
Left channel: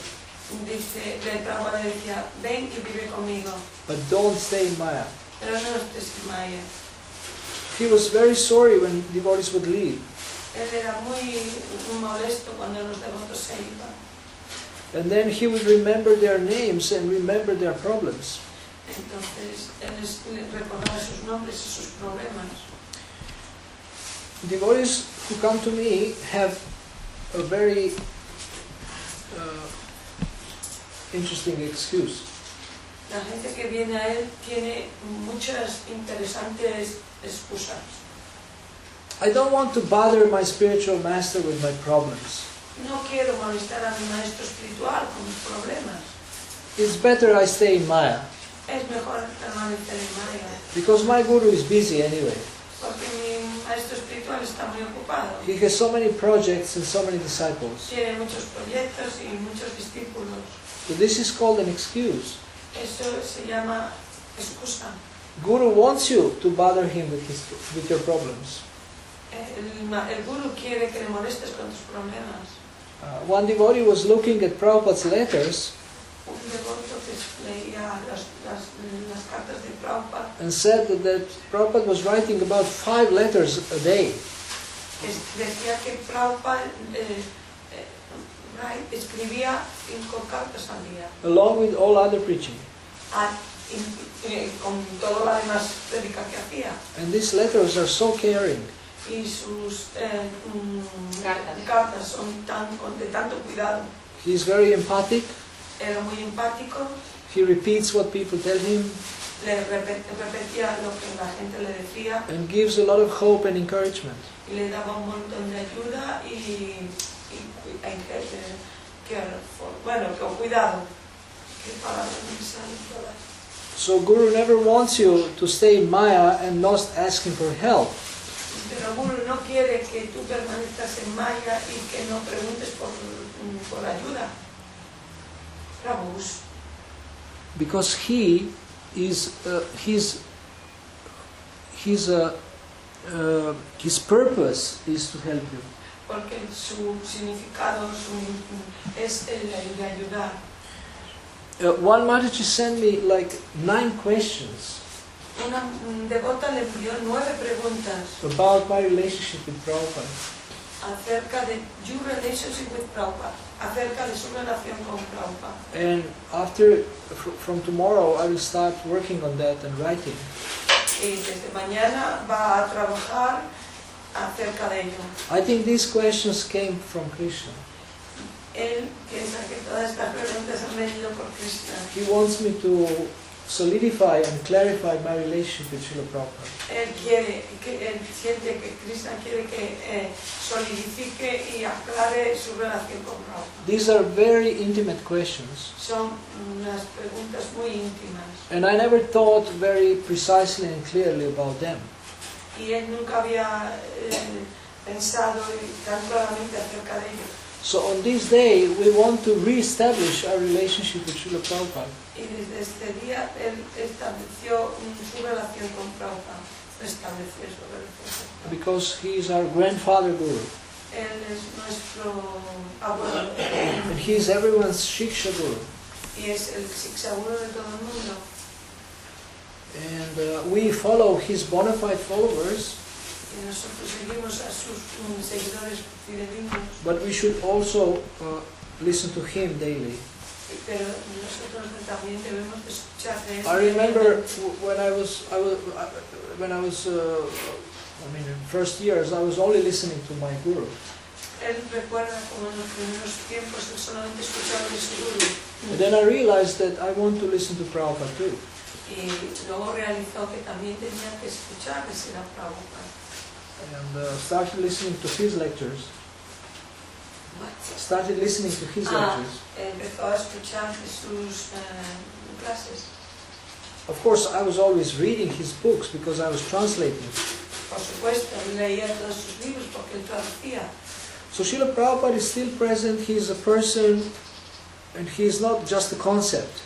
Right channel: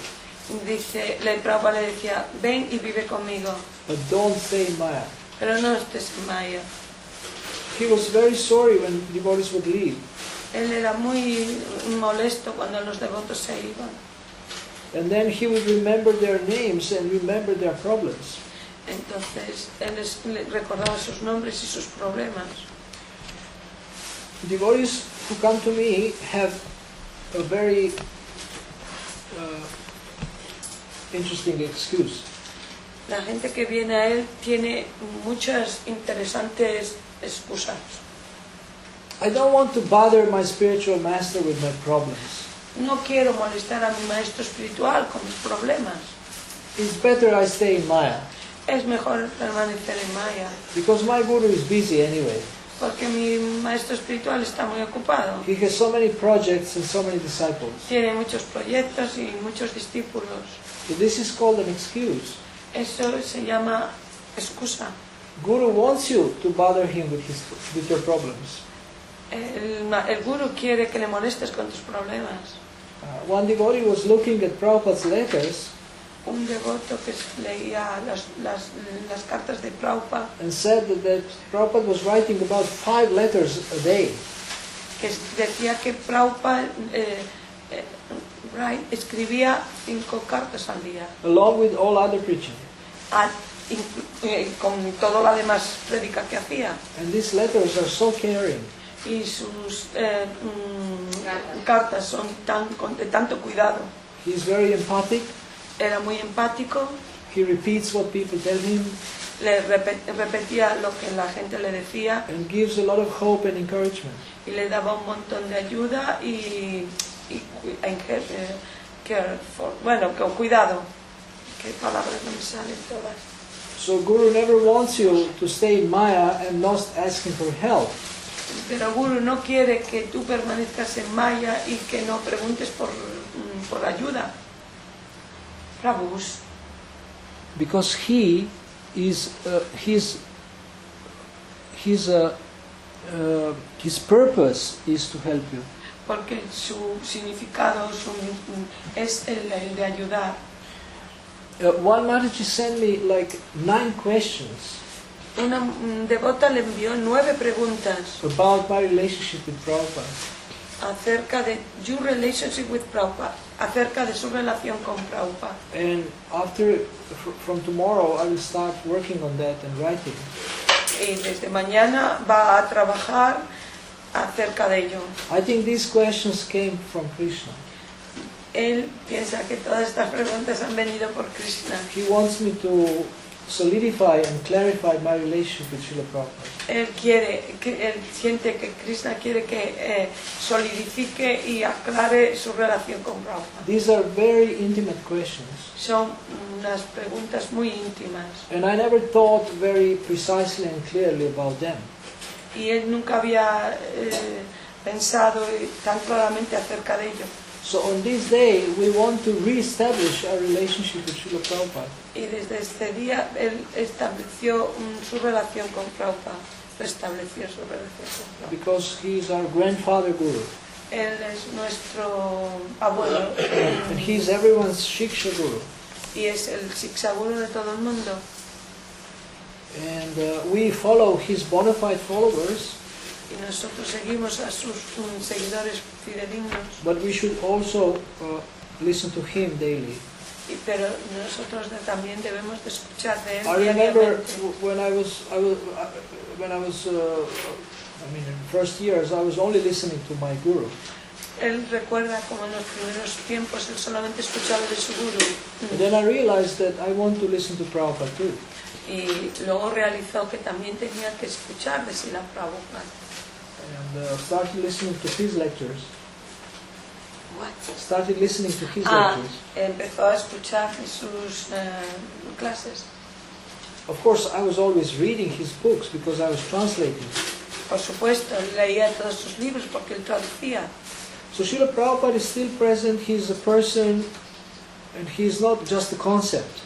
Dice, el Prabhupada le decía, ven y vive conmigo, but don't stay in Maya. pero no estés en Maya. He was very sorry when devotees would leave. Él era muy molesto cuando los devotos se iban. And then he would remember their names and remember their problems. Entonces, él recordaba sus nombres y sus problemas. Devotees who come to me have a very interesting excuse. La gente que viene a él tiene muchas interesantes excusas. I don't want to bother my spiritual master with my problems. No quiero molestar a mi maestro espiritual con mis problemas. It's better I stay in Maya, Es mejor permanecer en Maya, because my guru is busy anyway. porque mi maestro espiritual está muy ocupado. He has so many projects and so many disciples. Tiene muchos proyectos y muchos discípulos. So this is called an excuse. Eso se llama excusa. Guru wants you to bother him with your problems. El guru quiere que le molestes con tus problemas. One devotee was looking at Prabhupada's letters Un devoto que leía las cartas de Prabhupada, and said that Prabhupada was writing about 5 letters a day. que decía que Prabhupada escribía 5 cartas al día, Along with all other preaching. Con todo lo demás prédica que hacía. And these letters are so caring. Y sus cartas son de tanto cuidado. He's very empathic. Era muy empático, He repeats what people tell him le repetía lo que la gente le decía and gives a lot of hope and encouragement. y le daba un montón de ayuda y con cuidado. ¿Qué palabras me salen todas? So Guru never wants you to stay in Maya and not asking for help. Pero Guru no quiere que tú permanezcas en Maya y que no preguntes por ayuda. Prabhus. Because he is his purpose is to help you. Porque su significado es el de ayudar. One Mataji sent me like 9 questions Una devota le envió 9 preguntas about my relationship with Prabhupada. acerca de your relationship with Prabhupada, acerca de su relación con Prabhupada. And from tomorrow, I will start working on that and writing. Y desde mañana va a trabajar acerca de ello. I think these questions came from Krishna. Él piensa que todas estas preguntas han venido por Krishna. He wants me to solidify and clarify my relationship with Srila Prabhupada. Él siente que Krishna quiere que solidifique y aclare su relación con Prabhupada. These are very intimate questions. Son unas preguntas muy íntimas. And I never thought very precisely and clearly about them. Y él nunca había pensado tan claramente acerca de ello. So on this day, we want to re-establish our relationship with Srila Prabhupada. Y desde este día él estableció su relación con Prabhupada, restableció su relación con Prabhupada. Because he is our grandfather guru. Él es nuestro abuelo And he is everyone's Shiksha guru. y es el Shiksha-guru de todo el mundo. And we follow his bona fide followers, Y nosotros seguimos a sus seguidores fidedignos, but we should also listen to him daily. pero nosotros también debemos de escuchar de él. I remember diariamente. when I was in first years, I was only listening to my guru. Él recuerda como en los primeros tiempos él solamente escuchaba de su guru. And then I realized that I want to listen to Prabhupada too. Y luego realizó que también tenía que escuchar de Srila Prabhupada. And started listening to his lectures. Started listening to his lectures. Empezó a escuchar de sus clases. Of course, I was always reading his books because I was translating. Por supuesto, él leía todos sus libros porque él traducía. So Srila Prabhupada is still present. He is a person, and he is not just a concept.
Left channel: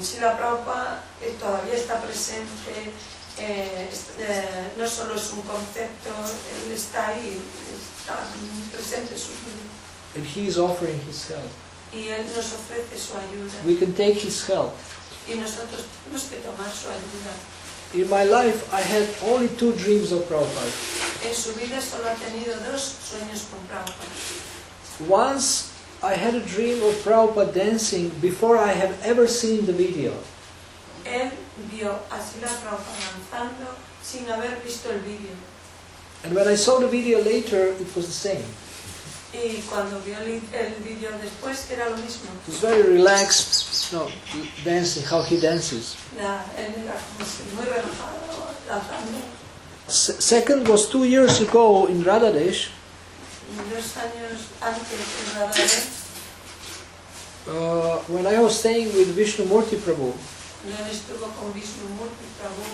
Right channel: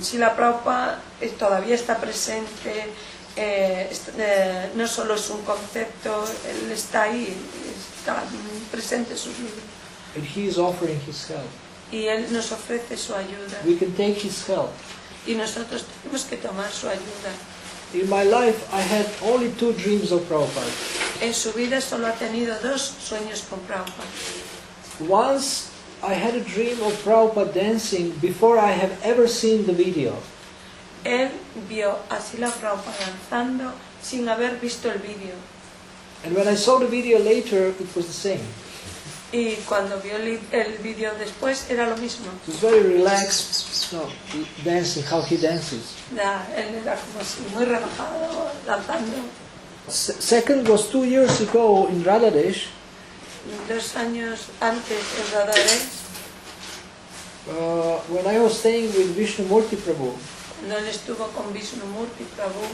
Srila Prabhupada todavía está presente, no solo es un concepto, él está ahí, está presente en sus libros. And he is offering his help. Y él nos ofrece su ayuda. We can take his help. Y nosotros tenemos que tomar su ayuda. In my life, I had only 2 dreams of Prabhupada. En su vida solo ha tenido 2 sueños con Prabhupada. Once, I had a dream of Prabhupada dancing before I have ever seen the video. Él vio a Srila Prabhupada danzando sin haber visto el vídeo. And when I saw the video later, it was the same. Y cuando vio el vídeo después era lo mismo. It was very relaxed, dancing, how he dances. Él era como así, muy relajado, danzando. Second was 2 years ago in Radhadesh. 2 años antes en Radhadesh, When I was staying with Vishnumurti Prabhu. no estuvo con Vishnumurti Prabhu.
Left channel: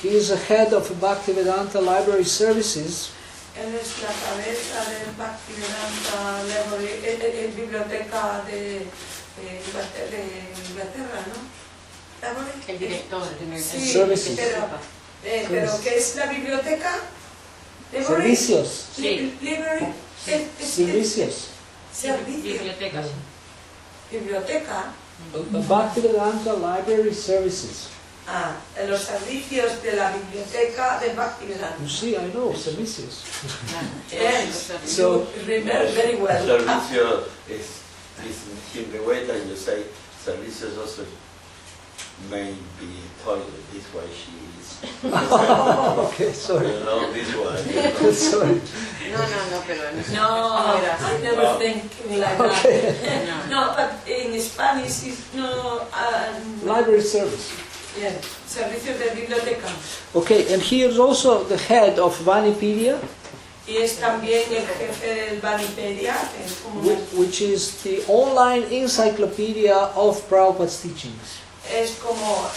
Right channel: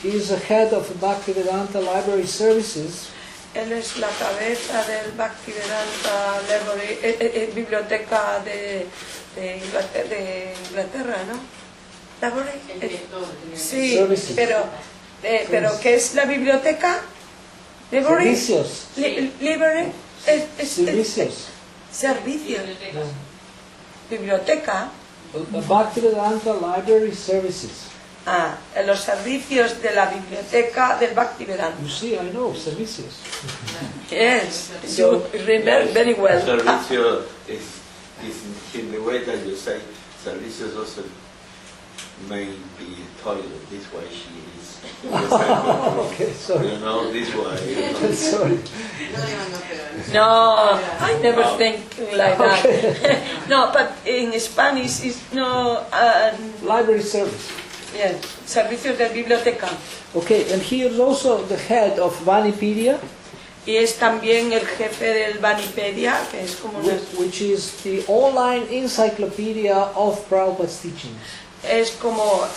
He is the head of Bhaktivedanta Library Services. Él es la cabeza del Bhaktivedanta Library, biblioteca de Inglaterra, ¿no? ¿Library? El director. Sí, Services. pero ¿qué es la biblioteca? Library? Servicios. Library. Servicios. Servicios. Biblioteca. Biblioteca. Bhaktivedanta Library Services. Los servicios de la biblioteca del Bhaktivedanta. You see, I know, servicios. Yes, So- you remember very well. Servicio is in the way that you say, servicios also may be toilet, this way she is. Okay, sorry. You know, this way. Sorry. No, pero... No, I never think like that. Okay. No, but in Spanish it's no. Library service. Yeah, servicios de biblioteca. Okay, and he is also the head of Vanipedia, Y es también el jefe del Vanipedia, que es como una, which is the online encyclopedia of Prabhupada's teachings. es como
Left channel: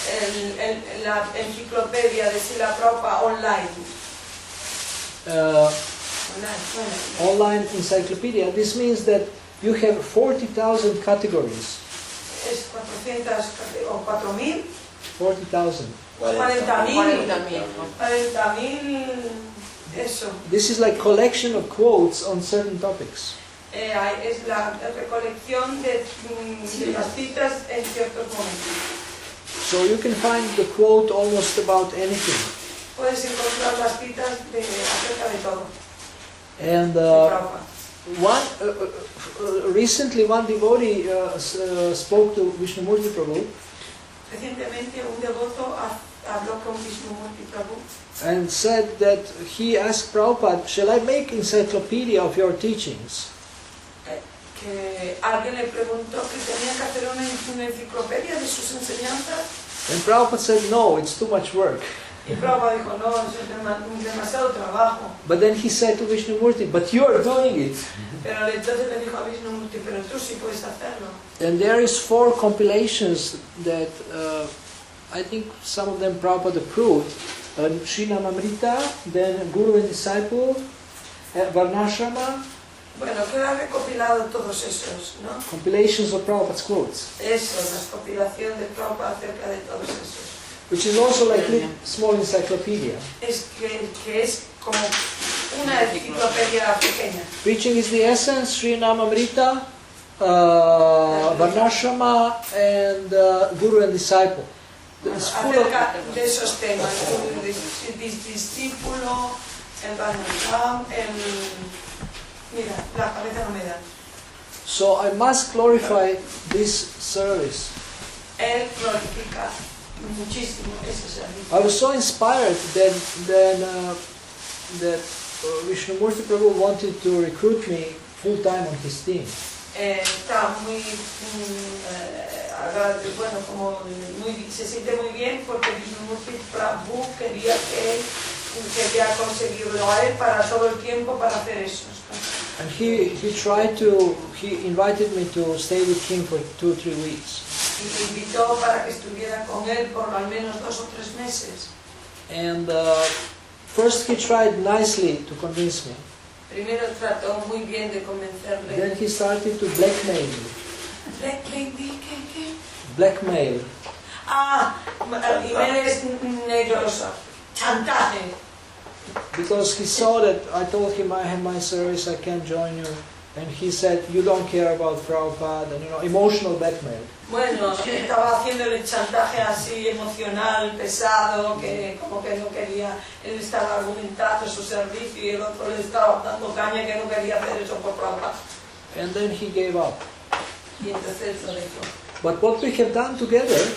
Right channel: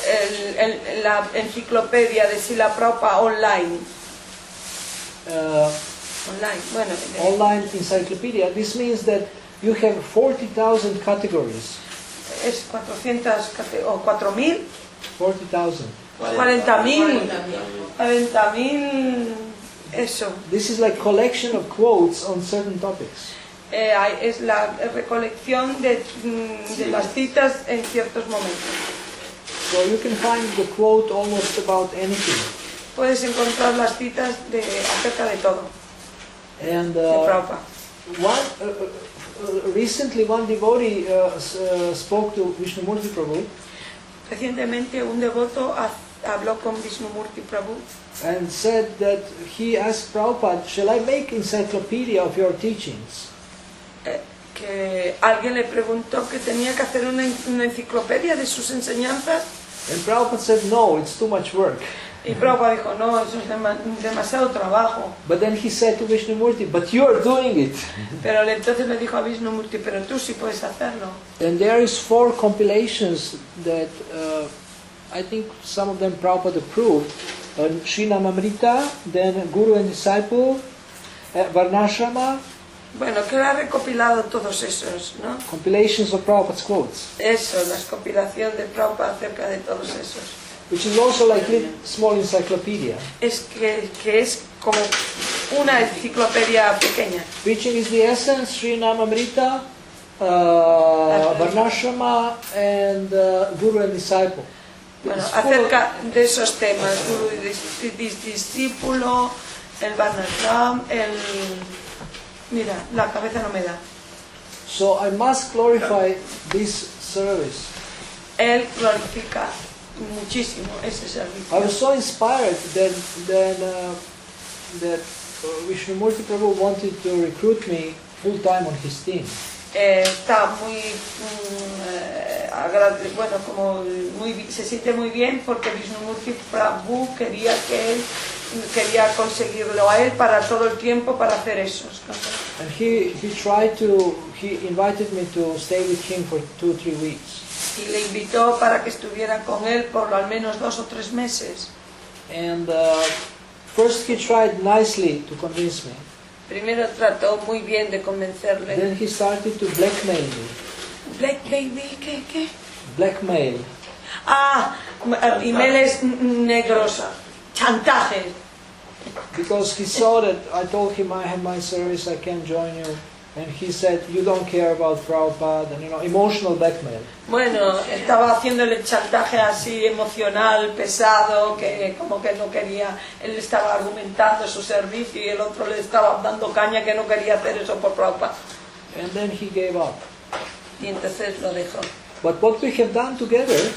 la enciclopedia de Srila Prabhupada online. Bueno, Online encyclopedia. This means that you have 40,000 categories. es 400 o 4.000, 40,000. 40.000, eso. This is like collection of quotes on certain topics. Es la recolección de las citas en ciertos momentos. So you can find the quote almost about anything. Puedes encontrar las citas acerca de todo. And de Prabhupada. recently one devotee spoke to Vishnumurti Prabhu Recientemente un devoto habló con Vishnumurti Prabhu and said that he asked Prabhupada, shall I make encyclopedia of your teachings? que alguien le preguntó que tenía que hacer una enciclopedia de sus enseñanzas And Prabhupada said, no, it's too much work. y Prabhupada dijo, no, es demasiado trabajo. But then he said to Vishnumurti, but you are doing it. Pero entonces le dijo a Vishnumurti, pero tú sí puedes hacerlo. And there is 4 compilations that I think some of them Prabhupada approved. Srinamamrita, then Guru and Disciple, Varnashrama, Bueno, que ha recopilado todos esos, ¿no? compilations of Prabhupada's quotes, Eso, la compilación de Prabhupada acerca de todos esos. which is also like a small encyclopedia. Es que es como una enciclopedia pequeña. Preaching is the essence, Sri Namamrita, Varnashrama, and Guru and Disciple. Bueno, It's full of, acerca de esos temas, discípulo, el Varnashram, mira, la cabeza no me da. so I must glorify this service. Él glorifica muchísimo este servicio. I was so inspired that Vishnumurti Prabhu wanted to recruit me full time on his team. Está muy bueno, como se siente muy bien porque Vishnumurti Prabhu quería conseguirlo a él para todo el tiempo para hacer eso. And he invited me to stay with him for 2-3 weeks. Y le invitó para que estuviera con él por al menos 2 o 3 meses. And first he tried nicely to convince me. Primero trató muy bien de convencerle. Then he started to blackmail me. ¿Qué? Blackmail. Ah, emails negros. Chantaje. Because he saw that I told him I have my service, I can't join you. And he said, you don't care about Prabhupada, and emotional blackmail. Bueno, estaba haciéndole chantaje así emocional, pesado, que como que no quería, él estaba argumentando su servicio y el otro le estaba dando caña que no quería hacer eso por Prabhupada. And then he gave up. Y entonces lo dejó. But what we have done together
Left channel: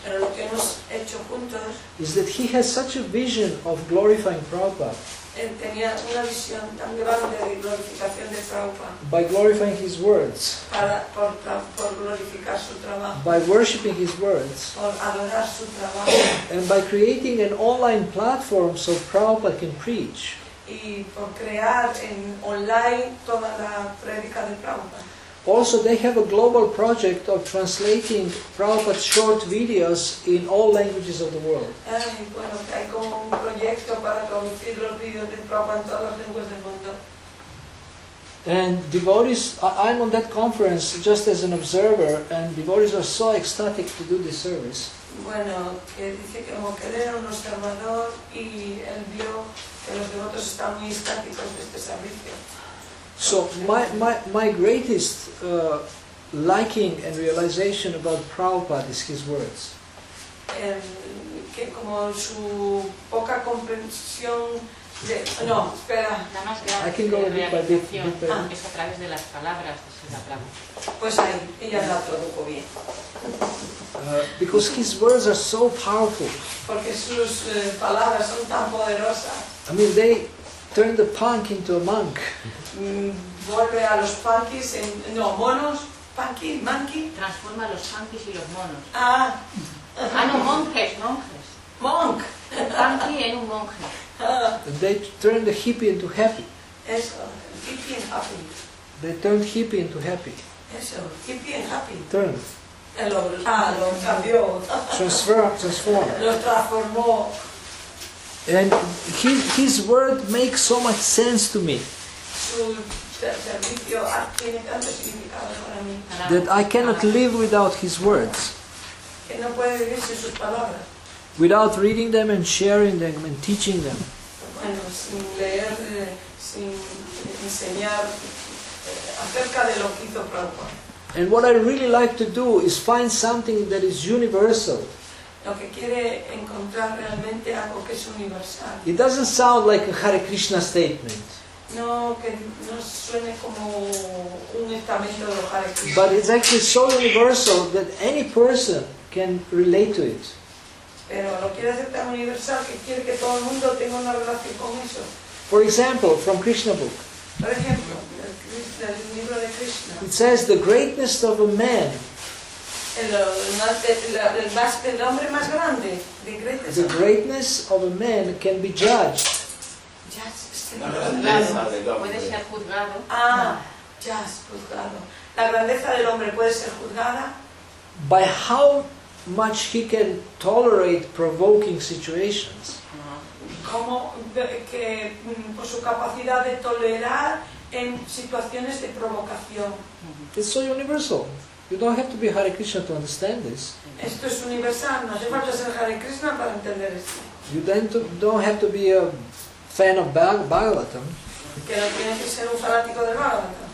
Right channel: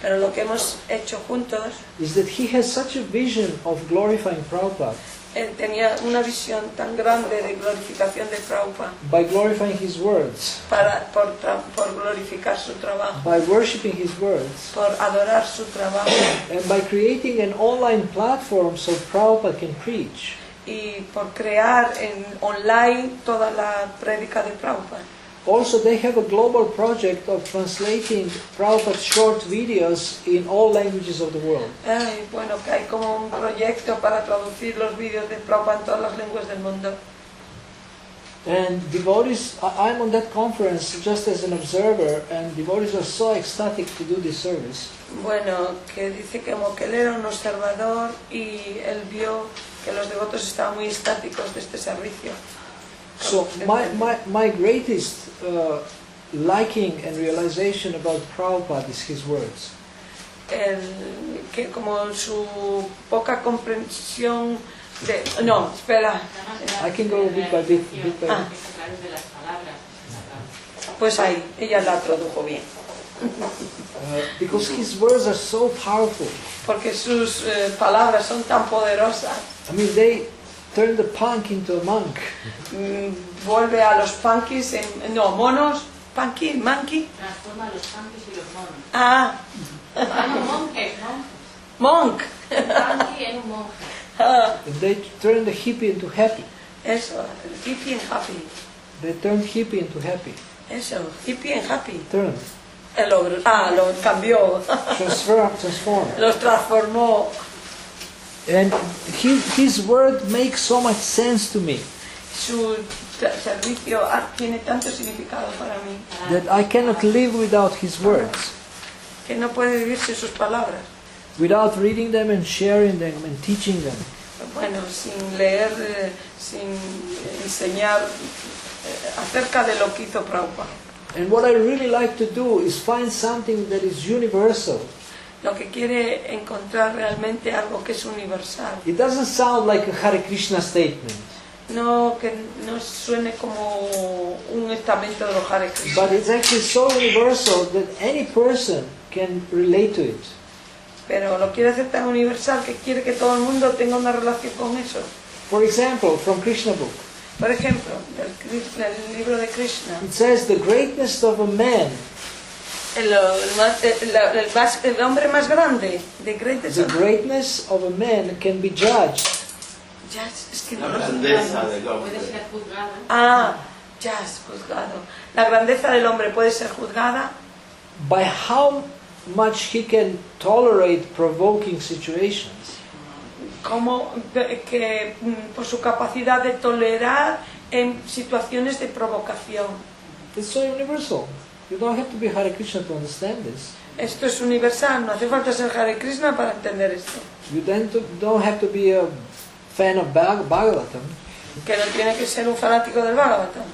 Pero lo que hemos hecho juntos, is that he has such a vision of glorifying Prabhupada él tenía una visión tan grande de glorificación de Prabhupada, by glorifying his words, por glorificar su trabajo, by worshipping his words, por adorar su trabajo and by creating an online platform so Prabhupada can preach. y por crear en online toda la prédica de Prabhupada. Also, they have a global project of translating Prabhupada's short videos in all languages of the world. Ay, bueno, que hay como un proyecto para traducir los vídeos de Prabhupada en todas las lenguas del mundo. And devotees, I'm on that conference just as an observer, and devotees are so ecstatic to do this service. Bueno, que dice que como que él era un observador y él vio que los devotos estaban muy estáticos de este servicio. So my greatest liking and realization about Prabhupada is his words. Que como su poca comprensión de... No, espera. I can go bit by bit. Es a través de las palabras. Pues ahí, ella la tradujo bien. Because his words are so powerful. Porque sus palabras son tan poderosas. I mean, they turn the punk into a monk. Vuelve a los punkis en... No, monos. Punky, monkey. Transforma a los punkis y los monos. Ah. No, monjes. Monk. Punky en un monje. They turn the hippie into happy. Eso, hippie and happy. They turned hippie into happy. Eso, hippie and happy. Turned. Lo cambió. Transformed. Lo transformó. And his word makes so much sense to me Su servicio tiene tanto significado para mí that I cannot live without his words, que no puede vivir sin sus palabras. without reading them and sharing them and teaching them. Bueno, sin leer, sin enseñar acerca de lo que hizo Prabhupada. And what I really like to do is find something that is universal. Lo que quiere encontrar realmente algo que es universal. It doesn't sound like a Hare Krishna statement, No, que no suene como un estamento de Hare Krishna. but it's actually so universal that any person can relate to it. Pero lo quiere hacer tan universal que quiere que todo el mundo tenga una relación con eso. For example, from Krishna book, Por ejemplo, el libro de Krishna. it says the greatness of a man, El hombre más grande, the greatness of a man can be judged La grandeza del Puede hombre. ser juzgado. juzgado. La grandeza del hombre puede ser juzgada by how much he can tolerate provoking situations. como que por su capacidad de tolerar en situaciones de provocación. It's so universal. You don't have to be Hare Krishna to understand this. Esto es universal, no hace falta ser Hare Krishna para entender esto. You then don't have to be a fan of Bhagavatam. Que no tiene que ser un fanático del Bhagavatam.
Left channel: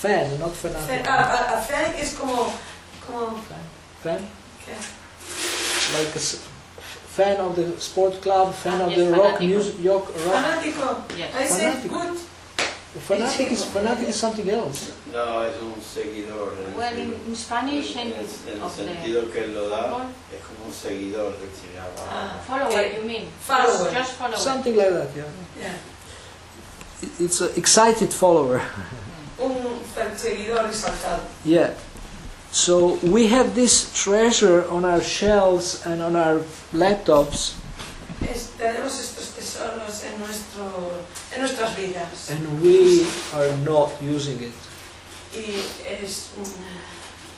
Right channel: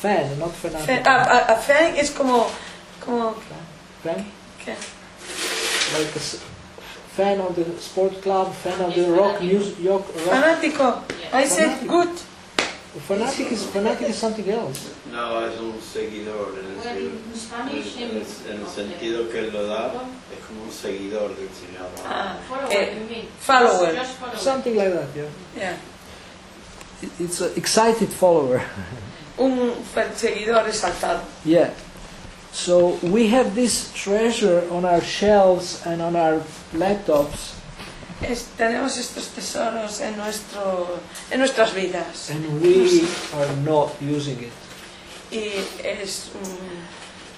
Fan, not fanatic. Fan es como Fan? ¿qué? Like fan of the sport club, fan of the rock music, rock. Fanático. I said Fanático. good. Fanatic is something else. No, es un seguidor. Well, in Spanish En and el sentido que él lo da, es como un seguidor del Señor. follower, you mean? Follower. Just follower. Something like that, yeah. Yeah. It's an excited follower. Un perseguidor exaltado. Yeah. So we have this treasure on our shelves and on our laptops, Tenemos estos tesoros en nuestras vidas. and we are not using it. Y es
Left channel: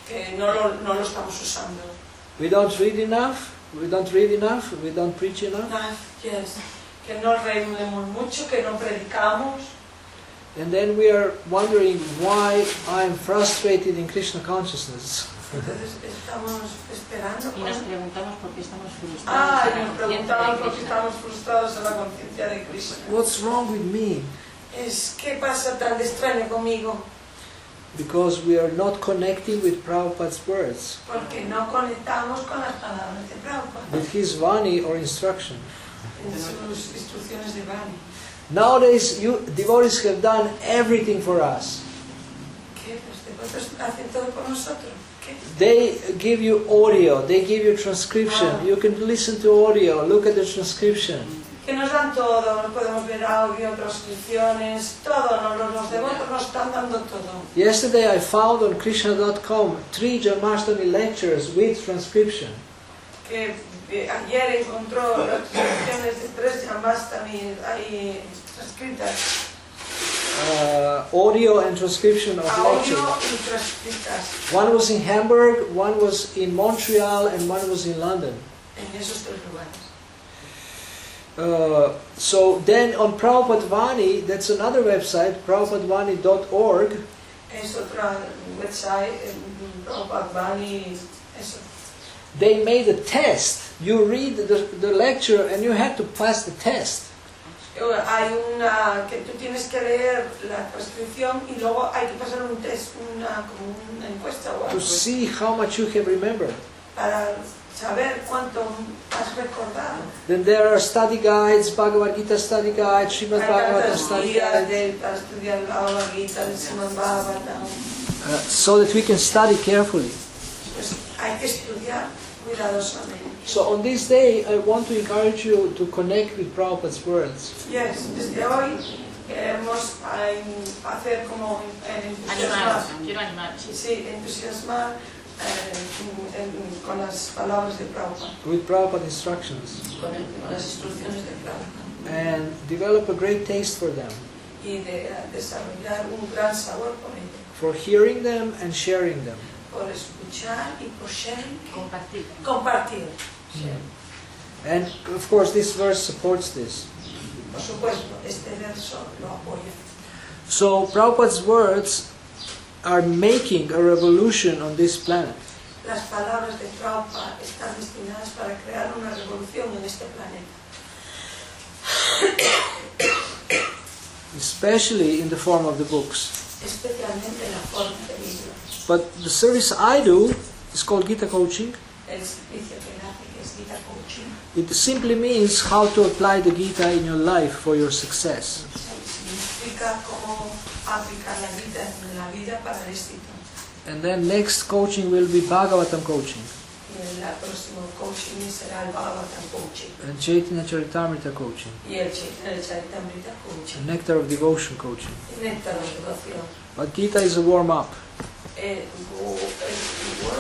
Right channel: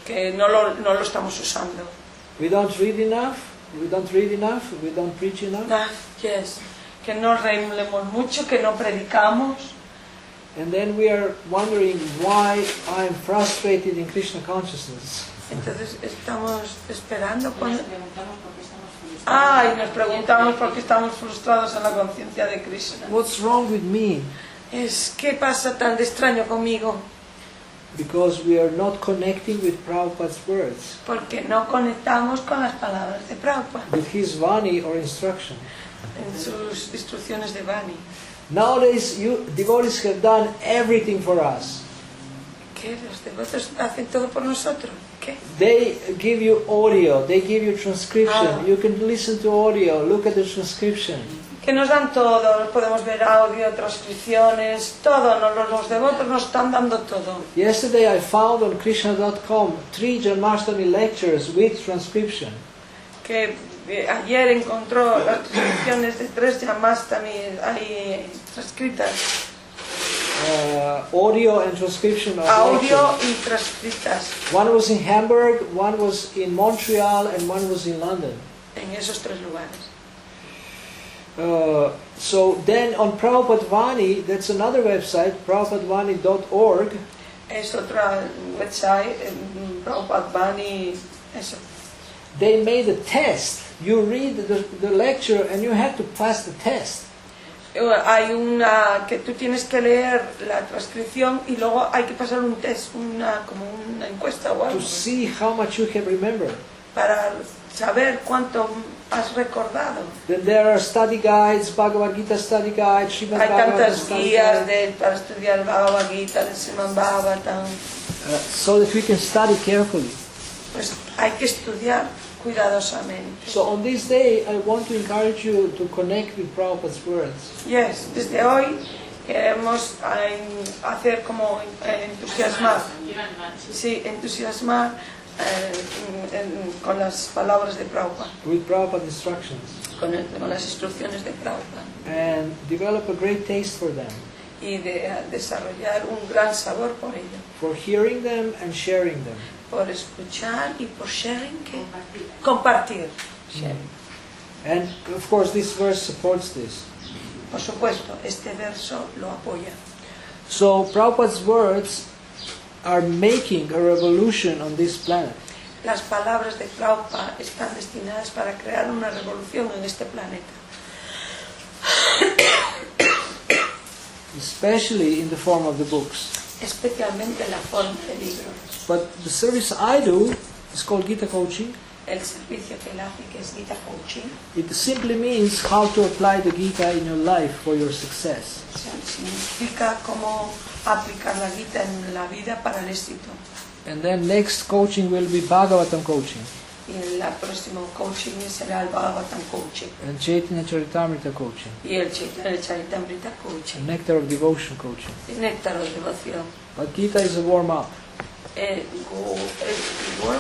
que no lo estamos usando. We don't read enough, we don't read enough, we don't preach enough, Yes. Que no leemos mucho, que no predicamos. and then we are wondering why I'm frustrated in Krishna consciousness. Entonces estamos esperando. Y nos preguntamos por qué estamos frustrados. Ah, y nos preguntamos por qué estamos frustrados en la conciencia de Krishna. What's wrong with me? ¿Qué pasa tan de extraño conmigo? Because we are not connecting with Prabhupada's words, Porque no conectamos con las palabras de Prabhupada, with his Vani or instruction. en sus instrucciones de Vani. Nowadays, devotees have done everything for us. ¿Qué? Los devotos hacen todo por nosotros. ¿Qué? They give you audio, they give you transcription. Ah. You can listen to audio, look at the transcription. Que nos dan todo, podemos ver audio, transcripciones, todo, los devotos nos están dando todo. Yesterday I found on Krishna.com 3 Janmashtami lectures with transcription. Que ayer encontró las transcripciones de 3 llamadas también ahí transcritas. Audio and transcription of Audio lectures. y transcritas One was in Hamburg, one was in Montreal, and one was in London. en esos 3 lugares. So then on Prabhupada Vani, that's another website, prabhupadvani.org. Es otra website, Prabhupada Vani, eso. They made a test. You read the lecture and you have to pass the test. Hay una que tú tienes que leer la transcripción y luego hay que pasar un test, como una encuesta o To algo, see how much you have remembered. para saber cuánto has recordado. Then there are study guides, Bhagavad Gita study guide, Srimad Hay Bhagavatam tantas study guías guide, para estudiar el Bhagavad Gita, el Srimad Bhagavatam. so that we can study carefully. Pues hay que estudiar cuidadosamente. So on this day, I want to encourage you to connect with Prabhupada's words. Yes, desde hoy queremos hacer como entusiasmar, Quiero animar. sí, entusiasmar con las palabras de Prabhupada, With Prabhupada instructions. con las instrucciones de Prabhupada, And develop a great taste for them. y de desarrollar un gran sabor por ello, For hearing them and sharing them. por escuchar y por sharing, Compartir. compartir. Sharing. And of course this verse supports this. Por supuesto, este verso lo apoya. So Prabhupada's words are making a revolution on this planet. Las palabras de Prabhupada están destinadas para crear una revolución en este planeta, Especially in the form of the books. especialmente la forma de libro. But the service I do is called Gita Coaching. El servicio que él hace, que es Gita Coaching, It simply means how to apply the Gita in your life for your success. significa cómo aplicar la Gita en la vida para el éxito. And then next coaching will be Bhagavatam coaching Y el próximo coaching será el Bhagavatam Coaching. and Chaitanya Charitamrita coaching Y el Charitamrita Coaching. and Nectar of Devotion coaching. El Néctar de Devoción. But Gita is a warm-up. El World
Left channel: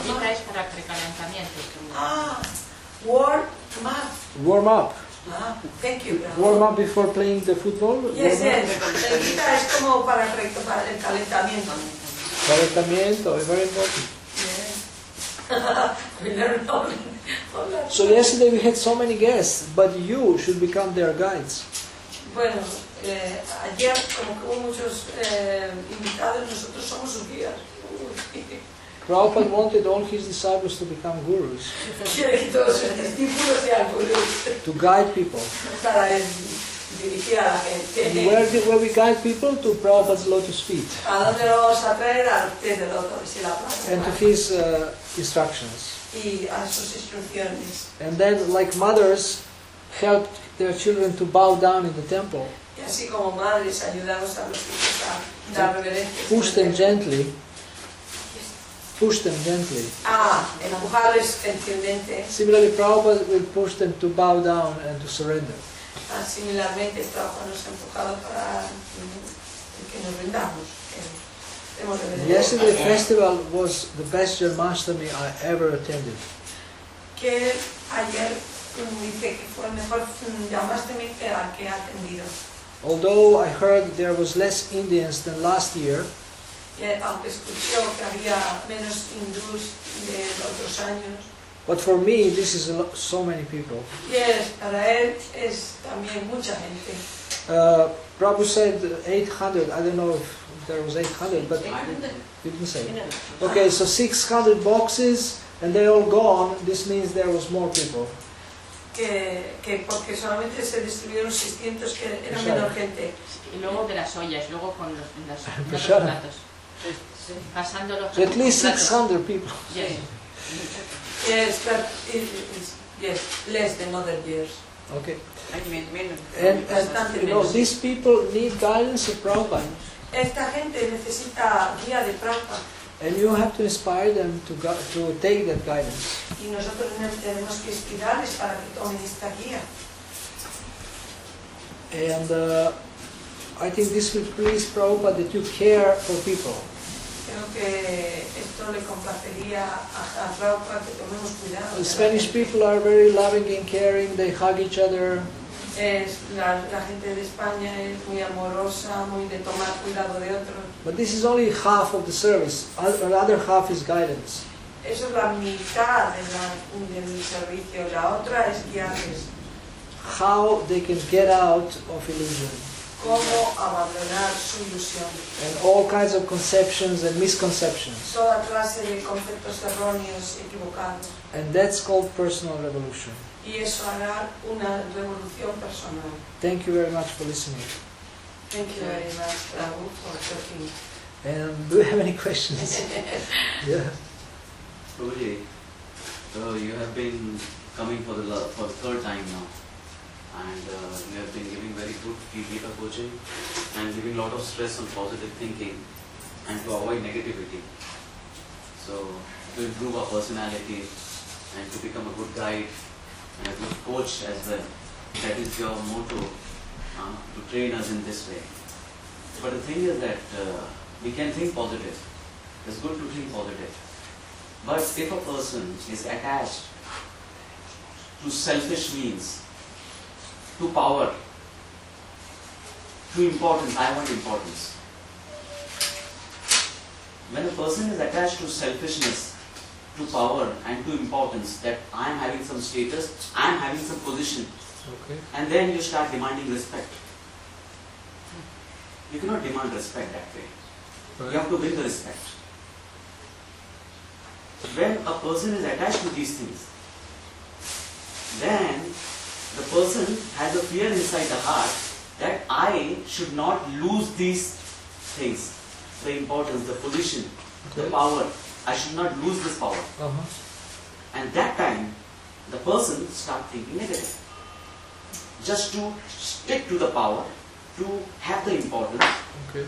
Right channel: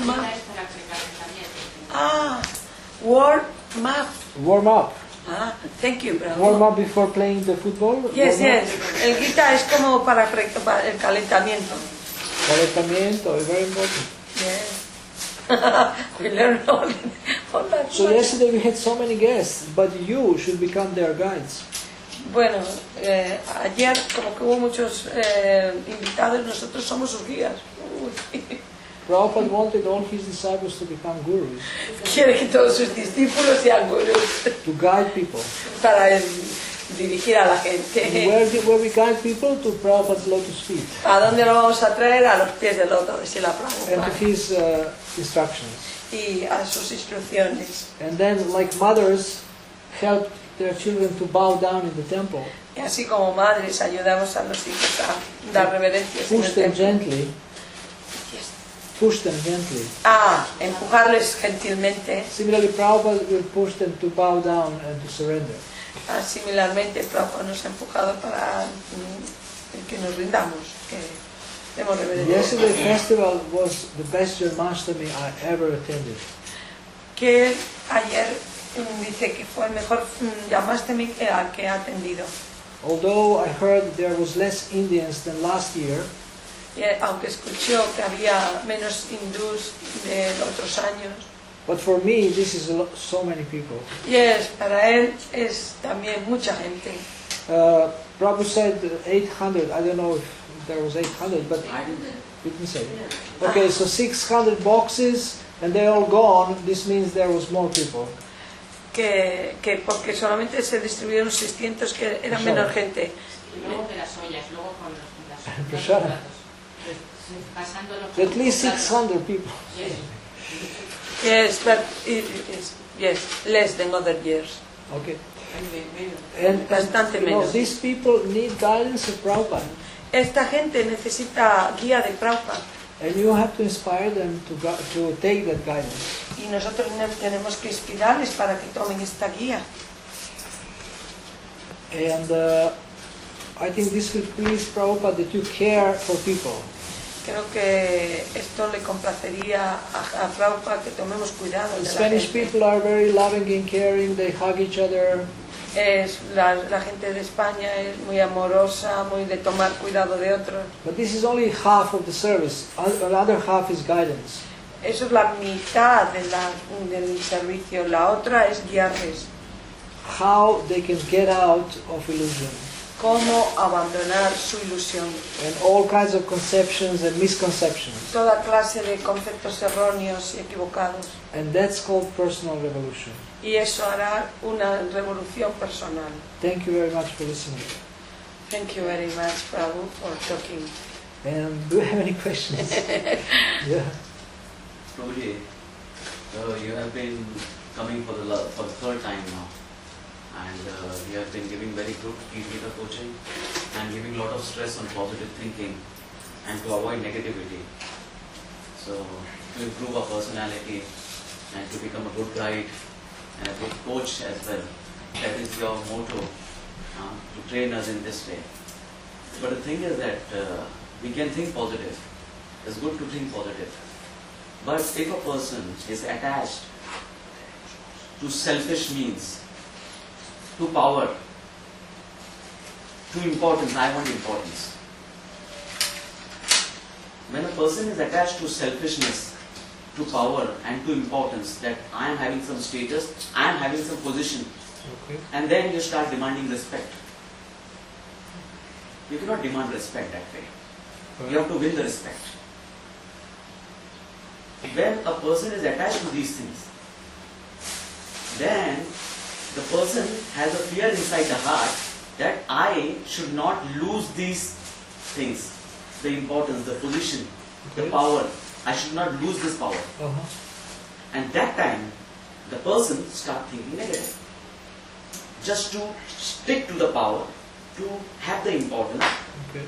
Gita Map. es para precalentamiento. World Map. Warm up. Thank you, bravo. Warm up before playing the football. Yes, Warm up. yes. El Gita es como para el calentamiento. Calentamiento is very important. Yeah. We learn all that. So yesterday we had so many guests, but you should become their guides. Bueno, ayer como que hubo muchos invitados, nosotros somos sus guías. Prabhupada wanted all his disciples to become gurus, Quiere que todos sus discípulos sean gurús to guide people. para dirigir a la gente. And where we guide people? To Prabhupada's lotus feet ¿A dónde lo vamos a traer? A los pies del loto, si la and to his instructions. y a sus instrucciones. And then, like mothers helped their children to bow down in the temple, Y así como madres ayudamos a los hijos a dar reverencias. push them gently, Empujarles gentilmente. Similarly, Prabhupada will push them to bow down and to surrender. Similarmente, Prabhupada nos ha enfocado para que nos rindamos. Que hemos Yesterday festival was the best Janmashtami I ever attended. Que ayer dice que fue el mejor Janmashtami que ha atendido. Although I heard there was less Indians than last year, Aunque escuchó que había menos hindús de otros años. but for me this is so many people. Para él es también mucha gente. Prabhu said 800, I don't know if there was 800, but you didn't say. Okay, so 600 boxes and they all gone, this means there was more people. Que porque solamente se distribuyeron 600, que era menos gente. Y luego de las ollas, luego con los Prashara. platos. Pasándolo. So at least 600 people. Yes, but yes, less than other years. Okay. Menos. And Bastante you know, menos. these people need guidance of Prabhupada. Esta gente necesita guía de Prabhupada And you have to inspire them to take that guidance. y nosotros tenemos que inspirarles para que tomen esta guía. And I think this will please Prabhupada that you care for people. Creo que esto le complacería a Prabhupada que tomemos cuidado. de la Spanish gente. people are very loving and caring, they hug each other. La gente de España es muy amorosa, muy de tomar cuidado de otros. But this is only half of the service. Another half is guidance. Eso es la mitad del servicio. La otra es guiarles. How they can get out of illusion. Cómo abandonar su ilusión. And all kinds of conceptions and misconceptions. Toda clase de conceptos erróneos y equivocados. And that's called personal revolution. Y eso hará una revolución personal. Thank you very much for listening. Thank you very much, Prabhu, for talking. And do you have any questions? Yeah. Prabhuji, you have been coming for the third time now, and you have been giving very good Gita coaching and giving a lot of stress on positive thinking and to avoid negativity. So to improve our personality and to become a good guide and a good coach as well. That is your motto, to train us in this way. But the thing is that we can think positive. It's good to think positive. But if a person is attached to selfish means, to power, to importance, I want importance. When a person is attached to selfishness, to power and to importance, that I am having some status, I am having some position, Okay. and then you start demanding respect. You cannot demand respect that way. You have to win the respect. When a person is attached to these things, then the person has a fear inside the heart that I should not lose these things, the importance, the position, the Okay. power. I should not lose this power. Uh-huh. And that time, the person starts thinking negative. Just to stick to the power, to have the importance, Okay.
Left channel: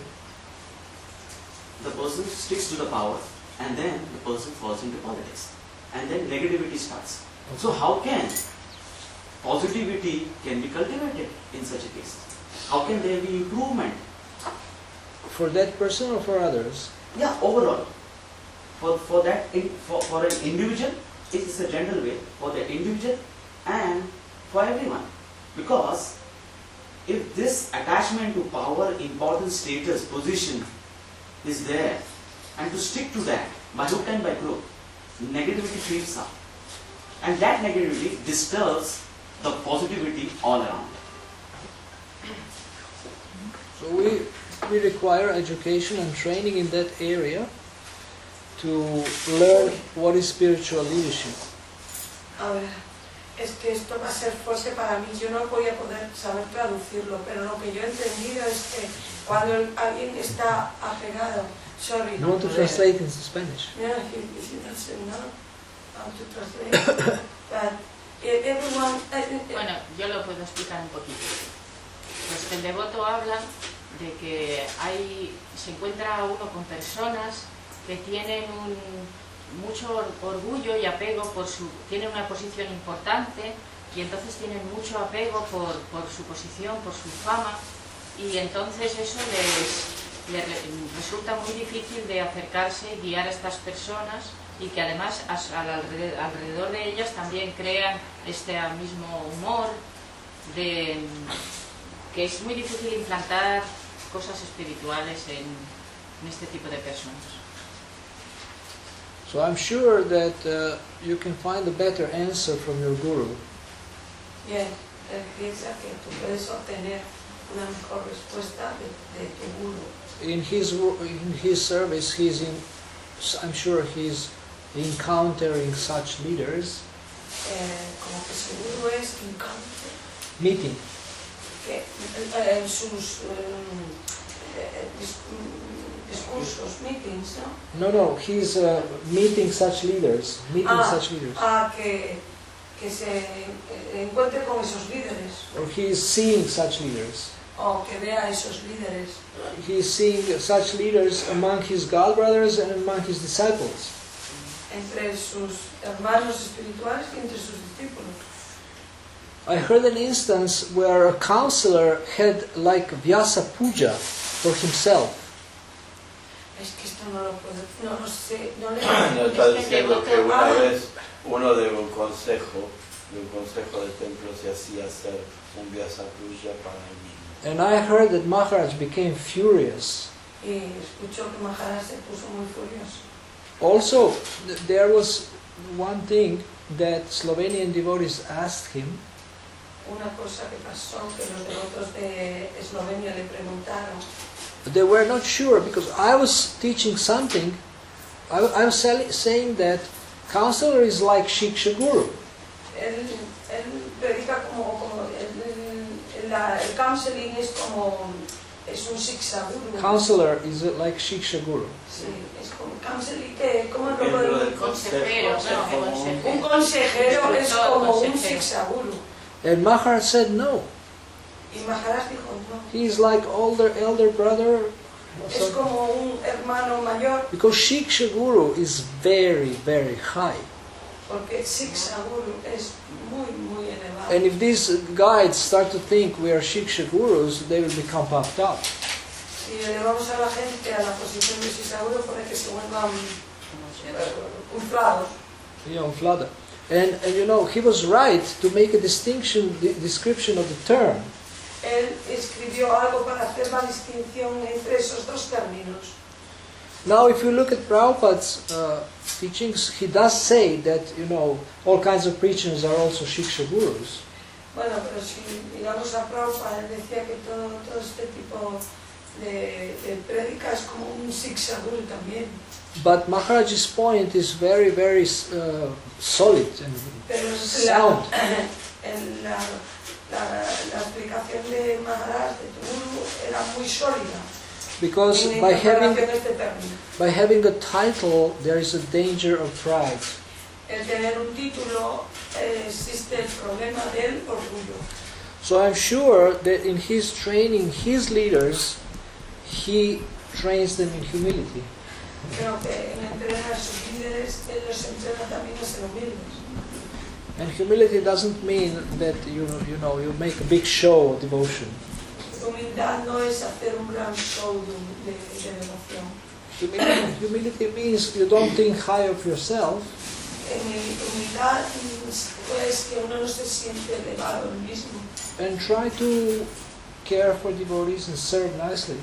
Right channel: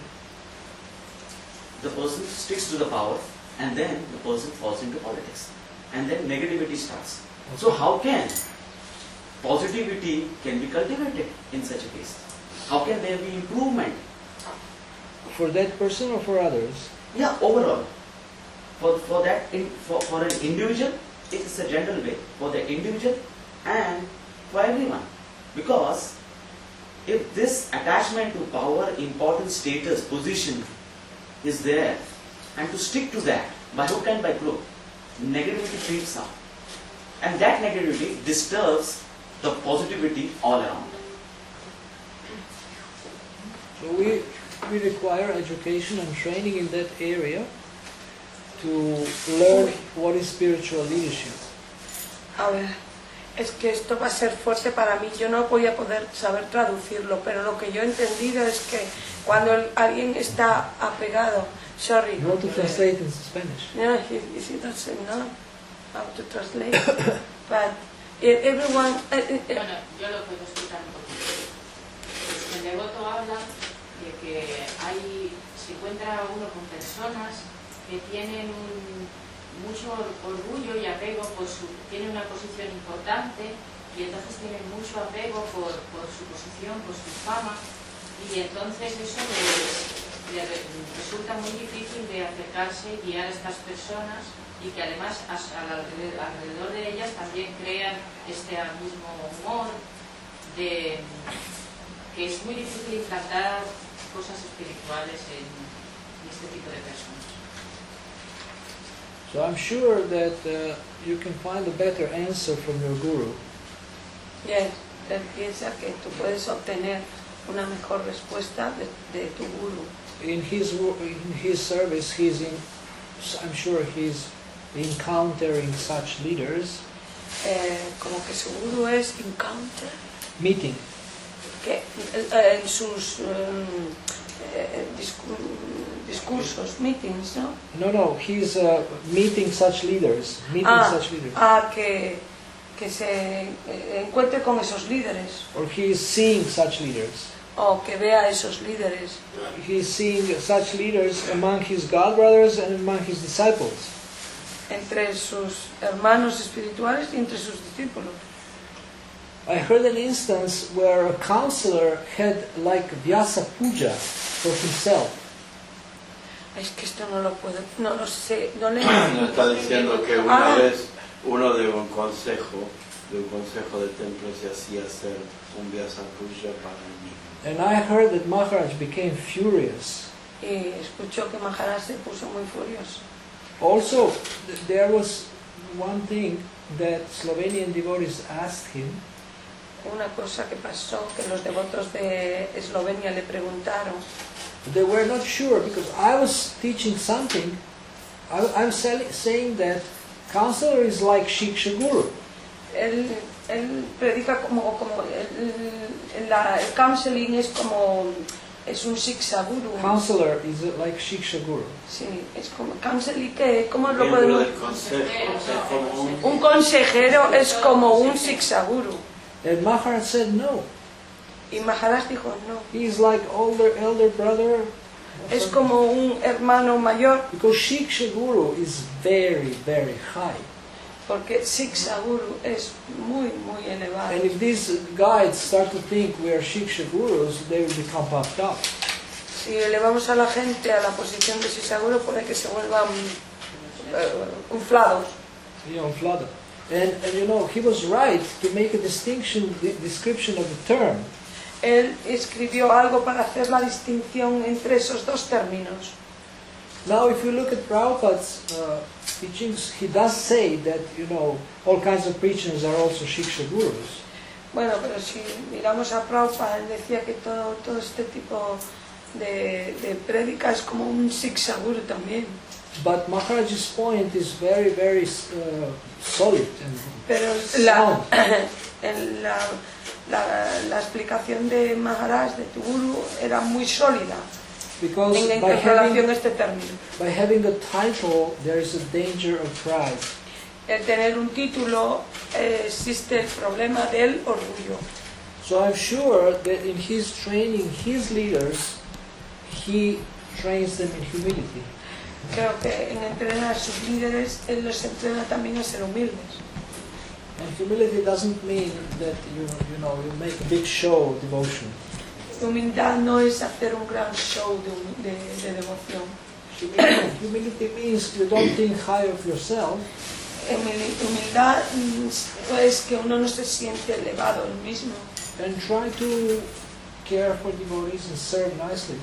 the person sticks to the power, and then the person falls into politics. And then negativity starts. So how can positivity can be cultivated in such a case? How can there be improvement? For that person or for others? Yeah, overall. For an individual, it's a general way, for the individual and for everyone. Because if this attachment to power, importance, status, position is there, and to stick to that by hook and by crook, negativity creeps up. And that negativity disturbs the positivity all around. So we require education and training in that area to learn what is spiritual leadership. Ahora, es que esto va a ser fuerte para mí, yo no voy a poder saber traducirlo, pero lo que yo he entendido es que cuando alguien está apegado, sorry. You want to translate into Spanish? No, he doesn't know how to translate, but everyone... Bueno, yo lo puedo explicar un poquito. Pues el devoto habla de que se encuentra uno con personas que tienen mucho orgullo y apego tienen una posición importante y entonces tienen mucho apego por su posición, por su fama, y entonces eso les resulta muy difícil de acercarse y guiar a estas personas, y que además alrededor de ellas también crean este mismo humor que es muy difícil implantar cosas espirituales en este tipo de personas. So I'm sure that you can find a better answer from your guru. Bien, él piensa que tú puedes obtener una mejor respuesta de tu guru. In his service, I'm sure he's encountering such leaders. Como que su guru es encounter. Meeting. Que en sus discursos, meetings, ¿no? No, he's meeting such leaders. Que se encuentre con esos líderes. Or he is seeing such leaders. O que vea esos líderes. He is seeing such leaders among his god brothers and among his disciples. Entre sus hermanos espirituales y entre sus discípulos. I heard an instance where a counselor had like Vyasa puja for himself. Es que esto no lo puedo, no lo sé, no le Me está diciendo que una vez uno de un consejo de templo se hacía hacer un Vyasa puja para él mismo. And I heard that Maharaj became furious. Y escuchó que Maharaj se puso muy furioso. Also, there was one thing that Slovenian devotees asked him. Una cosa que pasó, que los devotos de Eslovenia le preguntaron. They were not sure because I was teaching something. I was saying that counselor is like Shiksha Guru. Él predica como el counseling es un Shiksha Guru. Counselor is like Shiksha Guru. Sí, es como counseling, ¿cómo lo podemos? Un consejero es como un Shiksha Guru. And Maharaj said no. Y Maharaj dijo no. He is like elder brother. Es como un hermano mayor. Because Shiksha Guru is very, very high. Porque Shiksha Guru es muy, muy elevado. And if these guides start to think we are Shiksha Gurus, they will become puffed up. Si elevamos a la gente a la posición de Shiksha Guru, puede que se vuelva inflados. Yeah, inflada. And you know, he was right to make a description of the term. Él escribió algo para hacer la distinción entre esos dos términos. Now, if you look at Prabhupada's teachings, he does say that, you know, all kinds of preachers are also Shiksha Gurus. Bueno, pero si miramos a Prabhupada, él decía que todo este tipo de prédica es como un Shiksha Guru también. But Maharaj's point is very, very solid and sound. La explicación de Maharaj, de tu Guru, era muy sólida. Because by having a title, there is a danger of pride. El tener un título, existe el problema del orgullo. So I'm sure that in his training his leaders, he trains them in humility. Creo que en entrenar a sus líderes, él los entrena también a ser humildes. And humility doesn't mean that you make a big show of devotion. Humildad no es hacer un gran show de devoción. Humility means you don't think high of yourself. Humildad es que uno no se siente elevado él mismo. And try to care for devotees and serve nicely.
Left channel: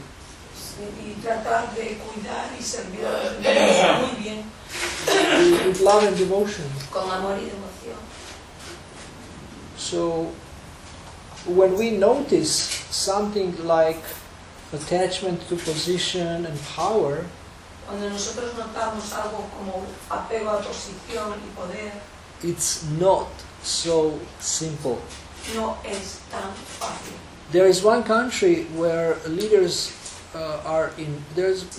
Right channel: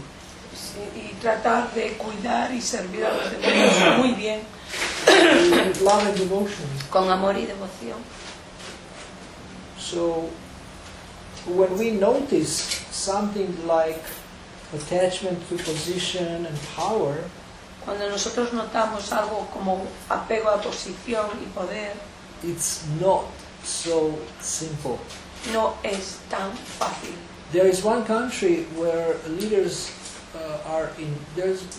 Y tratar de cuidar y servir a los demás muy bien. With love and devotion. Con amor y devoción. So, when we notice something like attachment to position and power, cuando nosotros notamos algo como apego a posición y poder, it's not so simple. no es tan fácil. There is one country where leaders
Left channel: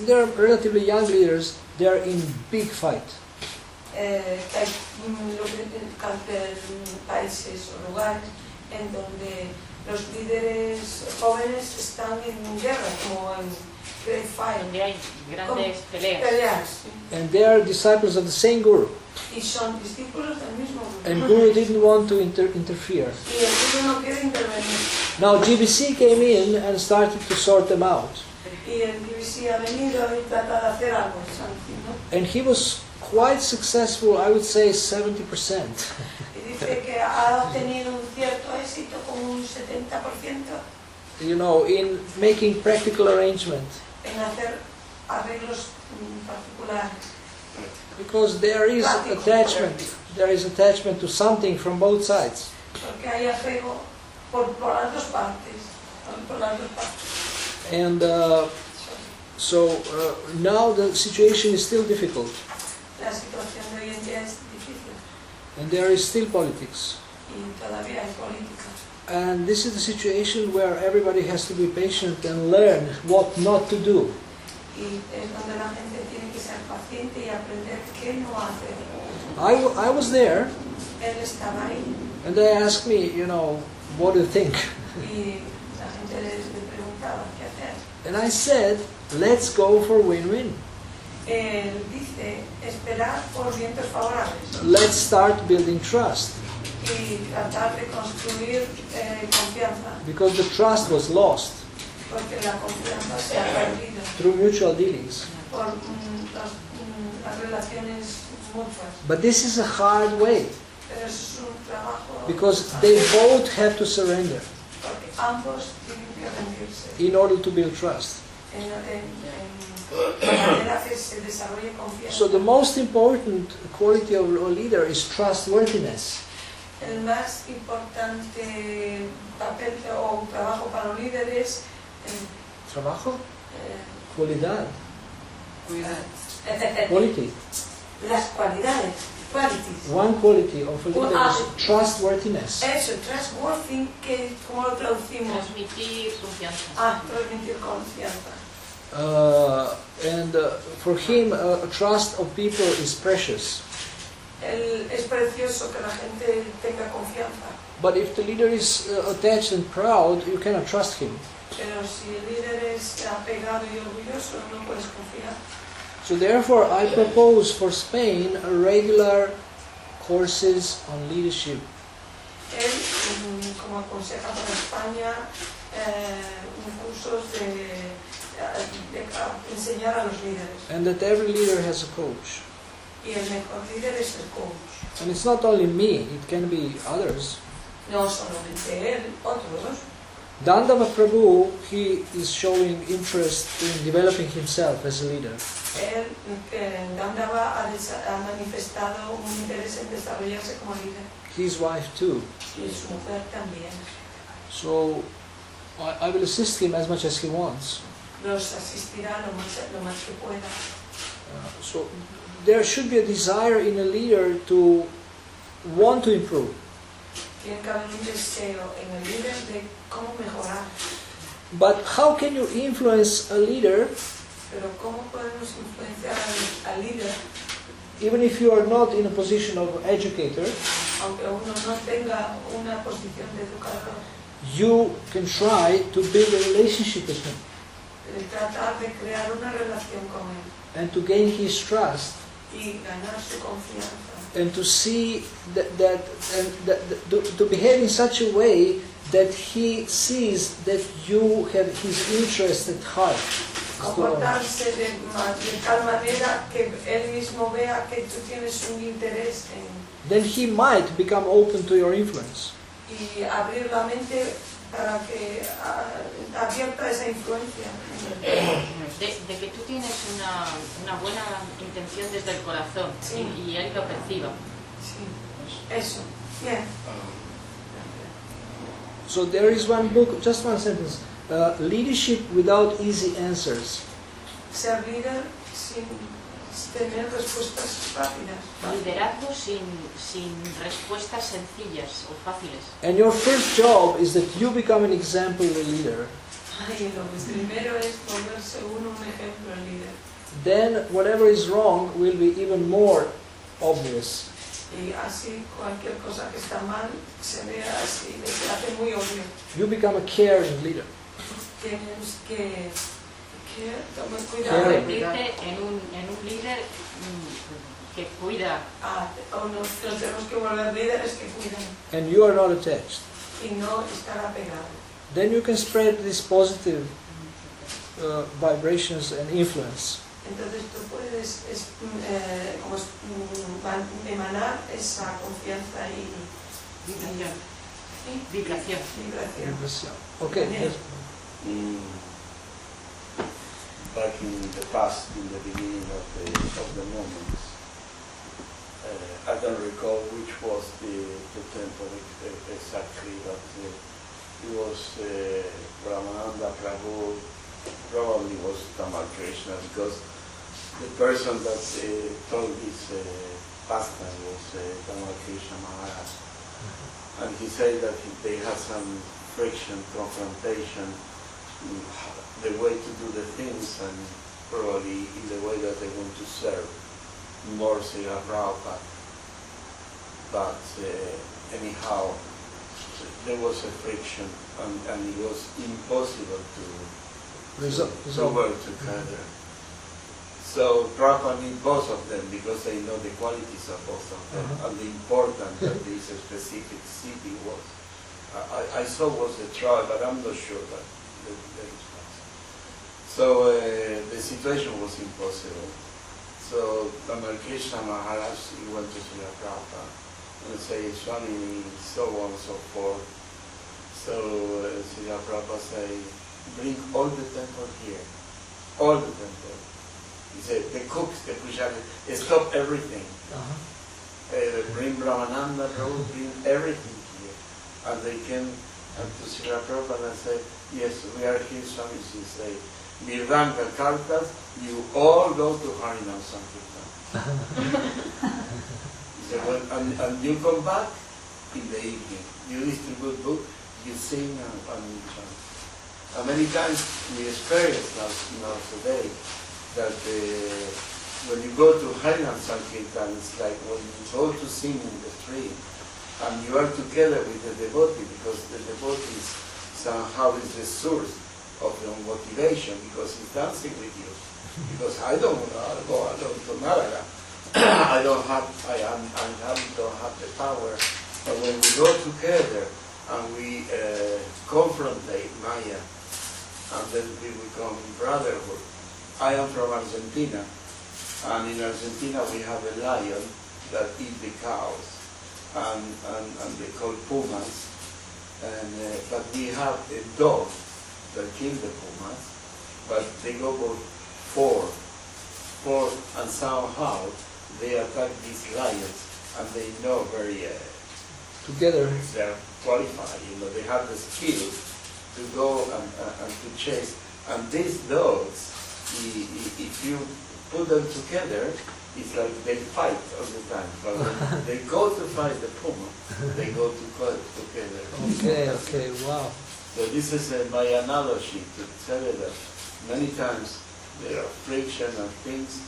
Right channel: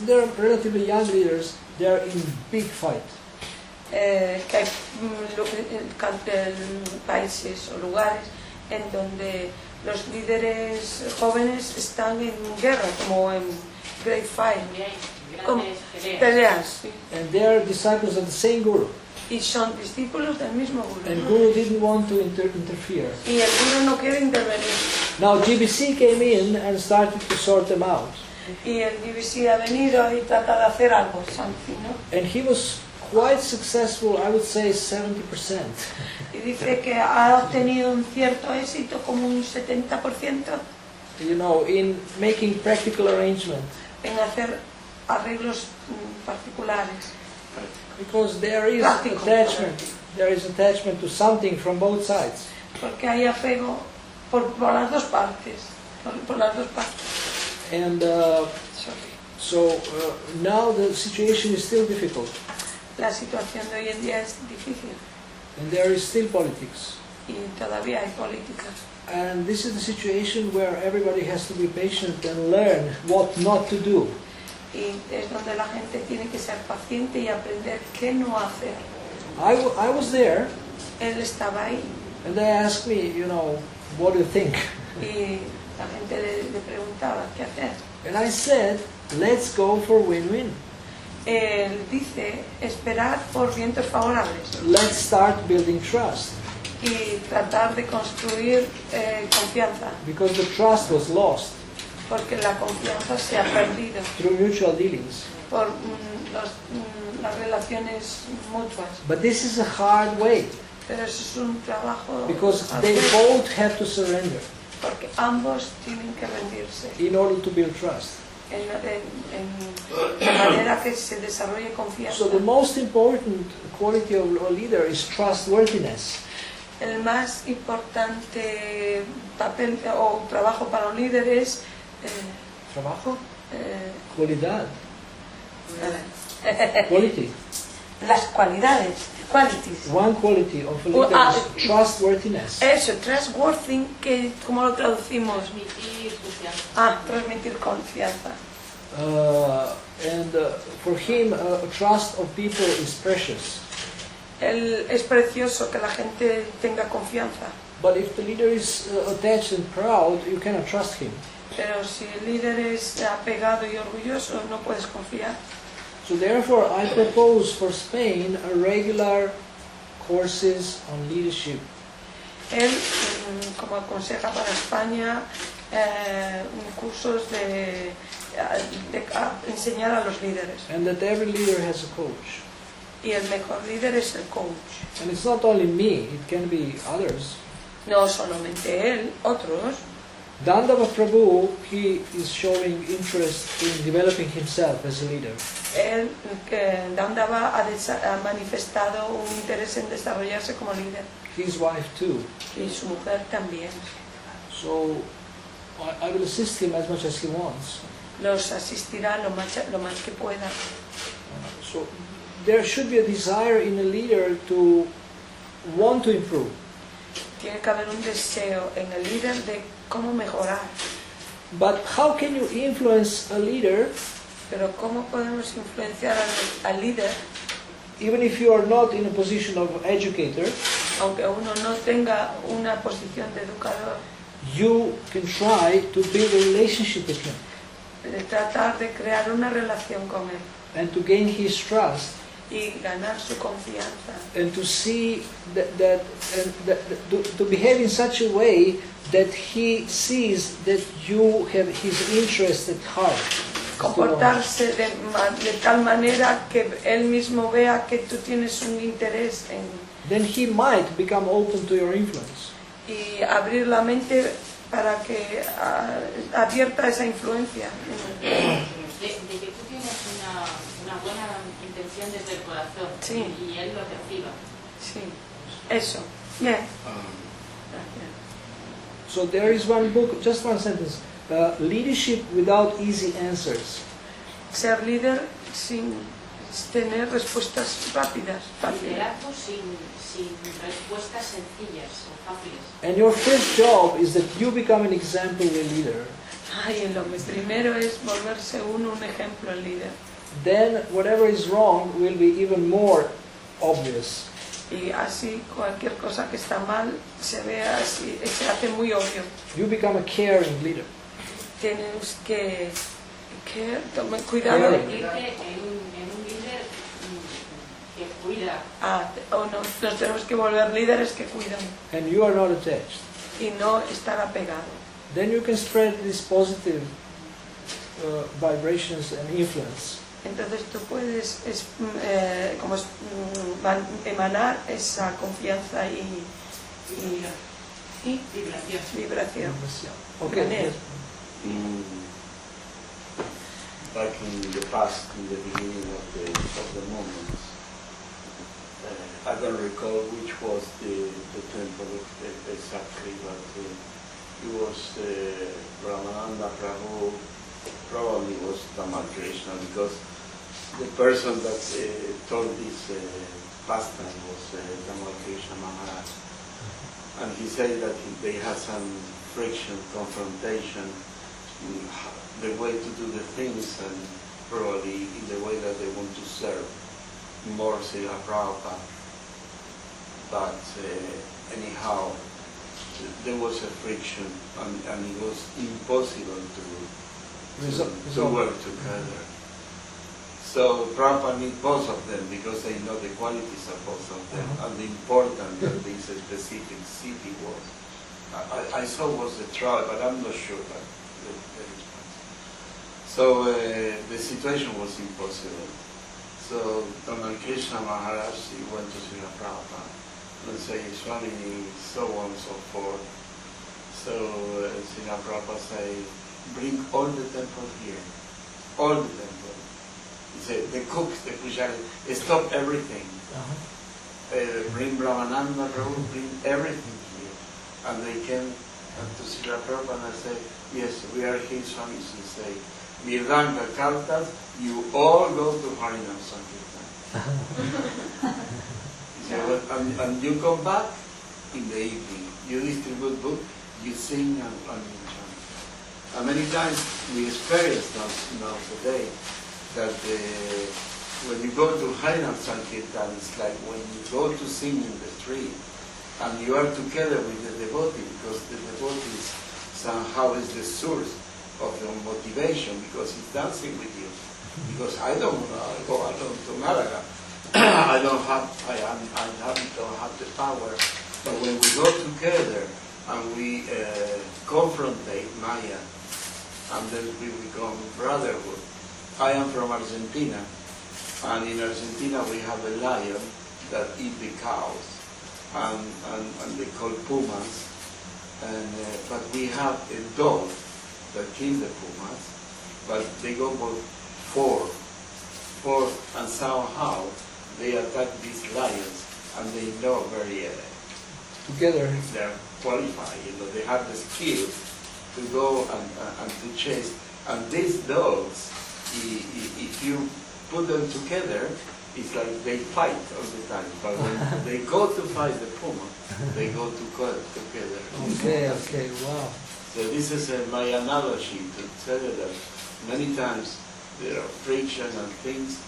there are relatively young leaders, they are in big fight. Que hay países o lugares en donde los líderes jóvenes están en guerra, como en Great Fight, Donde hay grandes peleas. peleas, sí. And they are disciples of the same guru. Y son discípulos del mismo And guru. guru didn't want to interfere. Y el guru no quiere intervenir. Now GBC came in and started to sort them out. Y el BBC ha venido y trata de hacer algo, something, ¿no? And he was quite successful, I would say 70%. Y dice que ha obtenido un cierto éxito, como un 70%, You know, in making practical arrangements. en hacer arreglos particulares. Because there is attachment to something from both sides. Porque hay apego por las dos partes. Por las dos partes. And now the situation is still difficult. La situación de hoy en día es difícil And there is still politics. y todavía hay política. And this is the situation where everybody has to be patient and learn what not to do. Y es donde la gente tiene que ser paciente y aprender qué no hacer. I was there, Él estaba ahí and they asked me, you know, what do you think? y la gente le preguntaba qué hacer. And I said, let's go for win-win. Él dice esperar por vientos favorables Let's start building trust. y tratar de construir confianza, Because the trust was lost porque la confianza se ha perdido through mutual dealings. por las relaciones mutuas. But this is a hard way, Pero eso es un trabajo because they both have to surrender porque ambos tienen que rendirse in order to build trust. de manera que se desarrolle confianza. So the most important quality of a leader is trustworthiness. El más importante papel o trabajo para un líder es Trabajo? eh, Cualidad. Quality. las cualidades, qualities. One quality of a leader is trustworthiness. Eso, trustworthy, que ¿cómo lo traducimos? Transmitir confianza. Transmitir confianza. And for him, trust of people is precious. Es precioso que la gente tenga confianza, But if the leader is attached and proud, you cannot trust him. pero si el líder es apegado y orgulloso, no puedes confiar. So therefore, I propose for Spain a regular courses on leadership. Él, como aconseja para España, cursos de enseñar a los líderes. And that every leader has a coach. Y el mejor líder es el coach. And it's not only me, it can be others. No solamente él, otros. Dandava Prabhu, he is showing interest in developing himself as a leader. Él, que Dandava ha manifestado un interés en desarrollarse como líder. His wife too. Y su mujer también. So I will assist him as much as he wants. Los asistirá lo más que pueda. So there should be a desire in a leader to want to improve. Tiene que haber un deseo en el líder de cómo mejorar. But how can you influence a leader Pero cómo podemos influenciar al líder, even if you are not in a position of educator? aunque uno no tenga una posición de educador, You can try to build a relationship with him de tratar de crear una relación con él and to gain his trust y ganar su confianza. and to see to behave in such a way that he sees that you have his interest at heart. Comportarse de tal manera que él mismo vea que tú tienes un interés en, Then he might become open to your influence. y abrir la mente para que abierta esa influencia. De que tú tienes una buena intención desde el corazón, Sí. y él lo perciba. Sí, eso. Bien. So there is one book, just one sentence. leadership without easy answers. Ser líder sin tener respuestas rápidas. Liderazgo sin respuestas sencillas o fáciles. And your first job is that you become an exemplary leader. Ay, lo que primero es volverse uno un ejemplo al líder. Then whatever is wrong will be even more obvious. Y así cualquier cosa que está mal se ve así, se hace muy obvio. You become a caring leader. Tienes que tomar cuidado. Caring. Convertirte en un líder que cuida. Nos tenemos que volver líderes que cuidan And you are not attached. y no estar apegados. Then you can spread these positive vibrations and influence. Entonces tú puedes emanar esa confianza y Vibración. vibración. Okay. Yes. Like in the past, in the beginning of the movements, I don't recall which was the temple exactly, but it was Brahmananda Prabhu, probably was Tamal Krishna, because the person that told this pastime was Tamal Krishna Maharaj. And he said that if they had some friction, confrontation, the way to do the things, and probably in the way that they want to serve more Srila Prabhupada. But anyhow, there was a friction, and it was impossible to work together. So Prabhupada need both of them because they know the qualities of both of them and the importance that this specific city was. I saw was the trial, but I'm not sure. But so the situation was impossible. So Tamal Krishna Maharaj, he went to Srila Prabhupada and said, Swami, so on and so forth. So Srila Prabhupada said, bring all the temple here, all the temple. He said, the cooks, the pujari, stop everything. Bring Brahmananda, Prabhu, bring everything here. And they came to Srila Prabhupada and said, yes, we are here, Swami. He said, Mirdanka Kartas, you all go to Harinam Sankirtan. He said, well, and you come back in the evening. You distribute books, you sing and many times we experience now today that when you go to Harinam Sankirtan, it's like when you go to sing in the street and you are together with the devotee, because the devotee somehow is the source of your motivation, because he's dancing with you. Because I don't go alone to Malaga. I don't have the power. But when we go together and we confrontate Maya, and then we become brotherhood. I am from Argentina, and in Argentina we have a lion that eats the cows, and they call pumas. But we have a dog that kills the pumas, but they go for four, and somehow they attack these lions, and they know very together they are qualified. They have the skill to go and to chase. And these dogs, if you put them together, it's like they fight all the time. But when they go to fight the puma, they go together. Okay, wow. So this is my analogy to tell you that many times there are friction and things,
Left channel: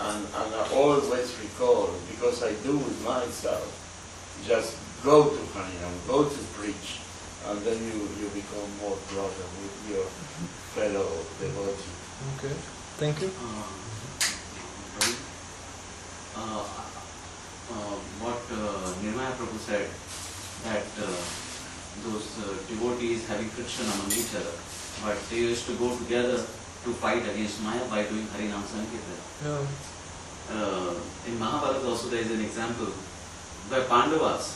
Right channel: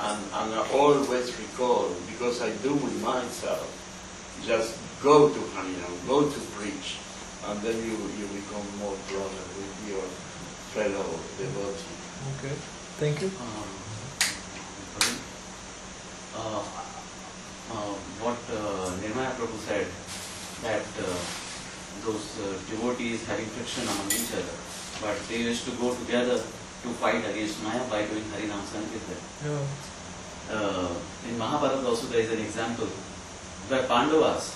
and I always recall, because I do with myself, just go to Harinam, go to preach, and then you become more brother with your fellow devotee. Okay, thank you. What Nirmaya Prabhu said, that those devotees having friction among each other, but they used to go together to fight against Maya by doing Harinam Sankirtan. Yeah. In Mahabharata also there is an example where Pandavas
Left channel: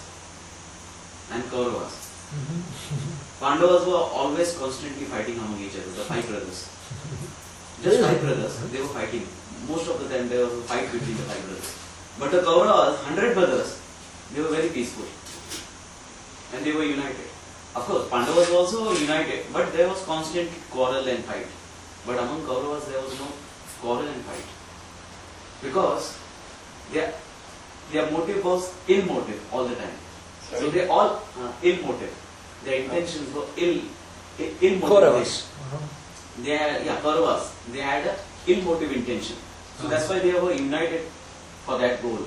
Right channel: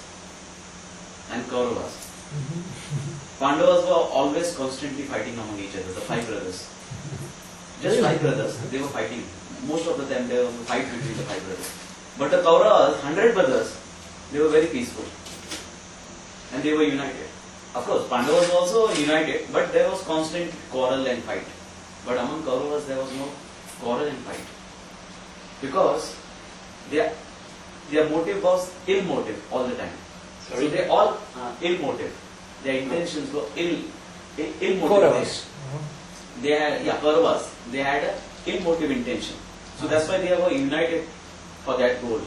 and Kauravas. Pandavas were always constantly fighting among each other, the 5 brothers. Just 5 brothers, they were fighting. Most of the time there was a fight between the 5 brothers. But the Kauravas, 100 brothers, they were very peaceful. And they were united. Of course, Pandavas also united, but there was constant quarrel and fight. But among Kauravas there was no quarrel and fight. Because their motive was ill motive all the time. Sorry? So they all ill motive. Their intentions were ill motive. Kauravas. They had, Kauravas. They had a ill motive intention. So that's why they were united for that goal.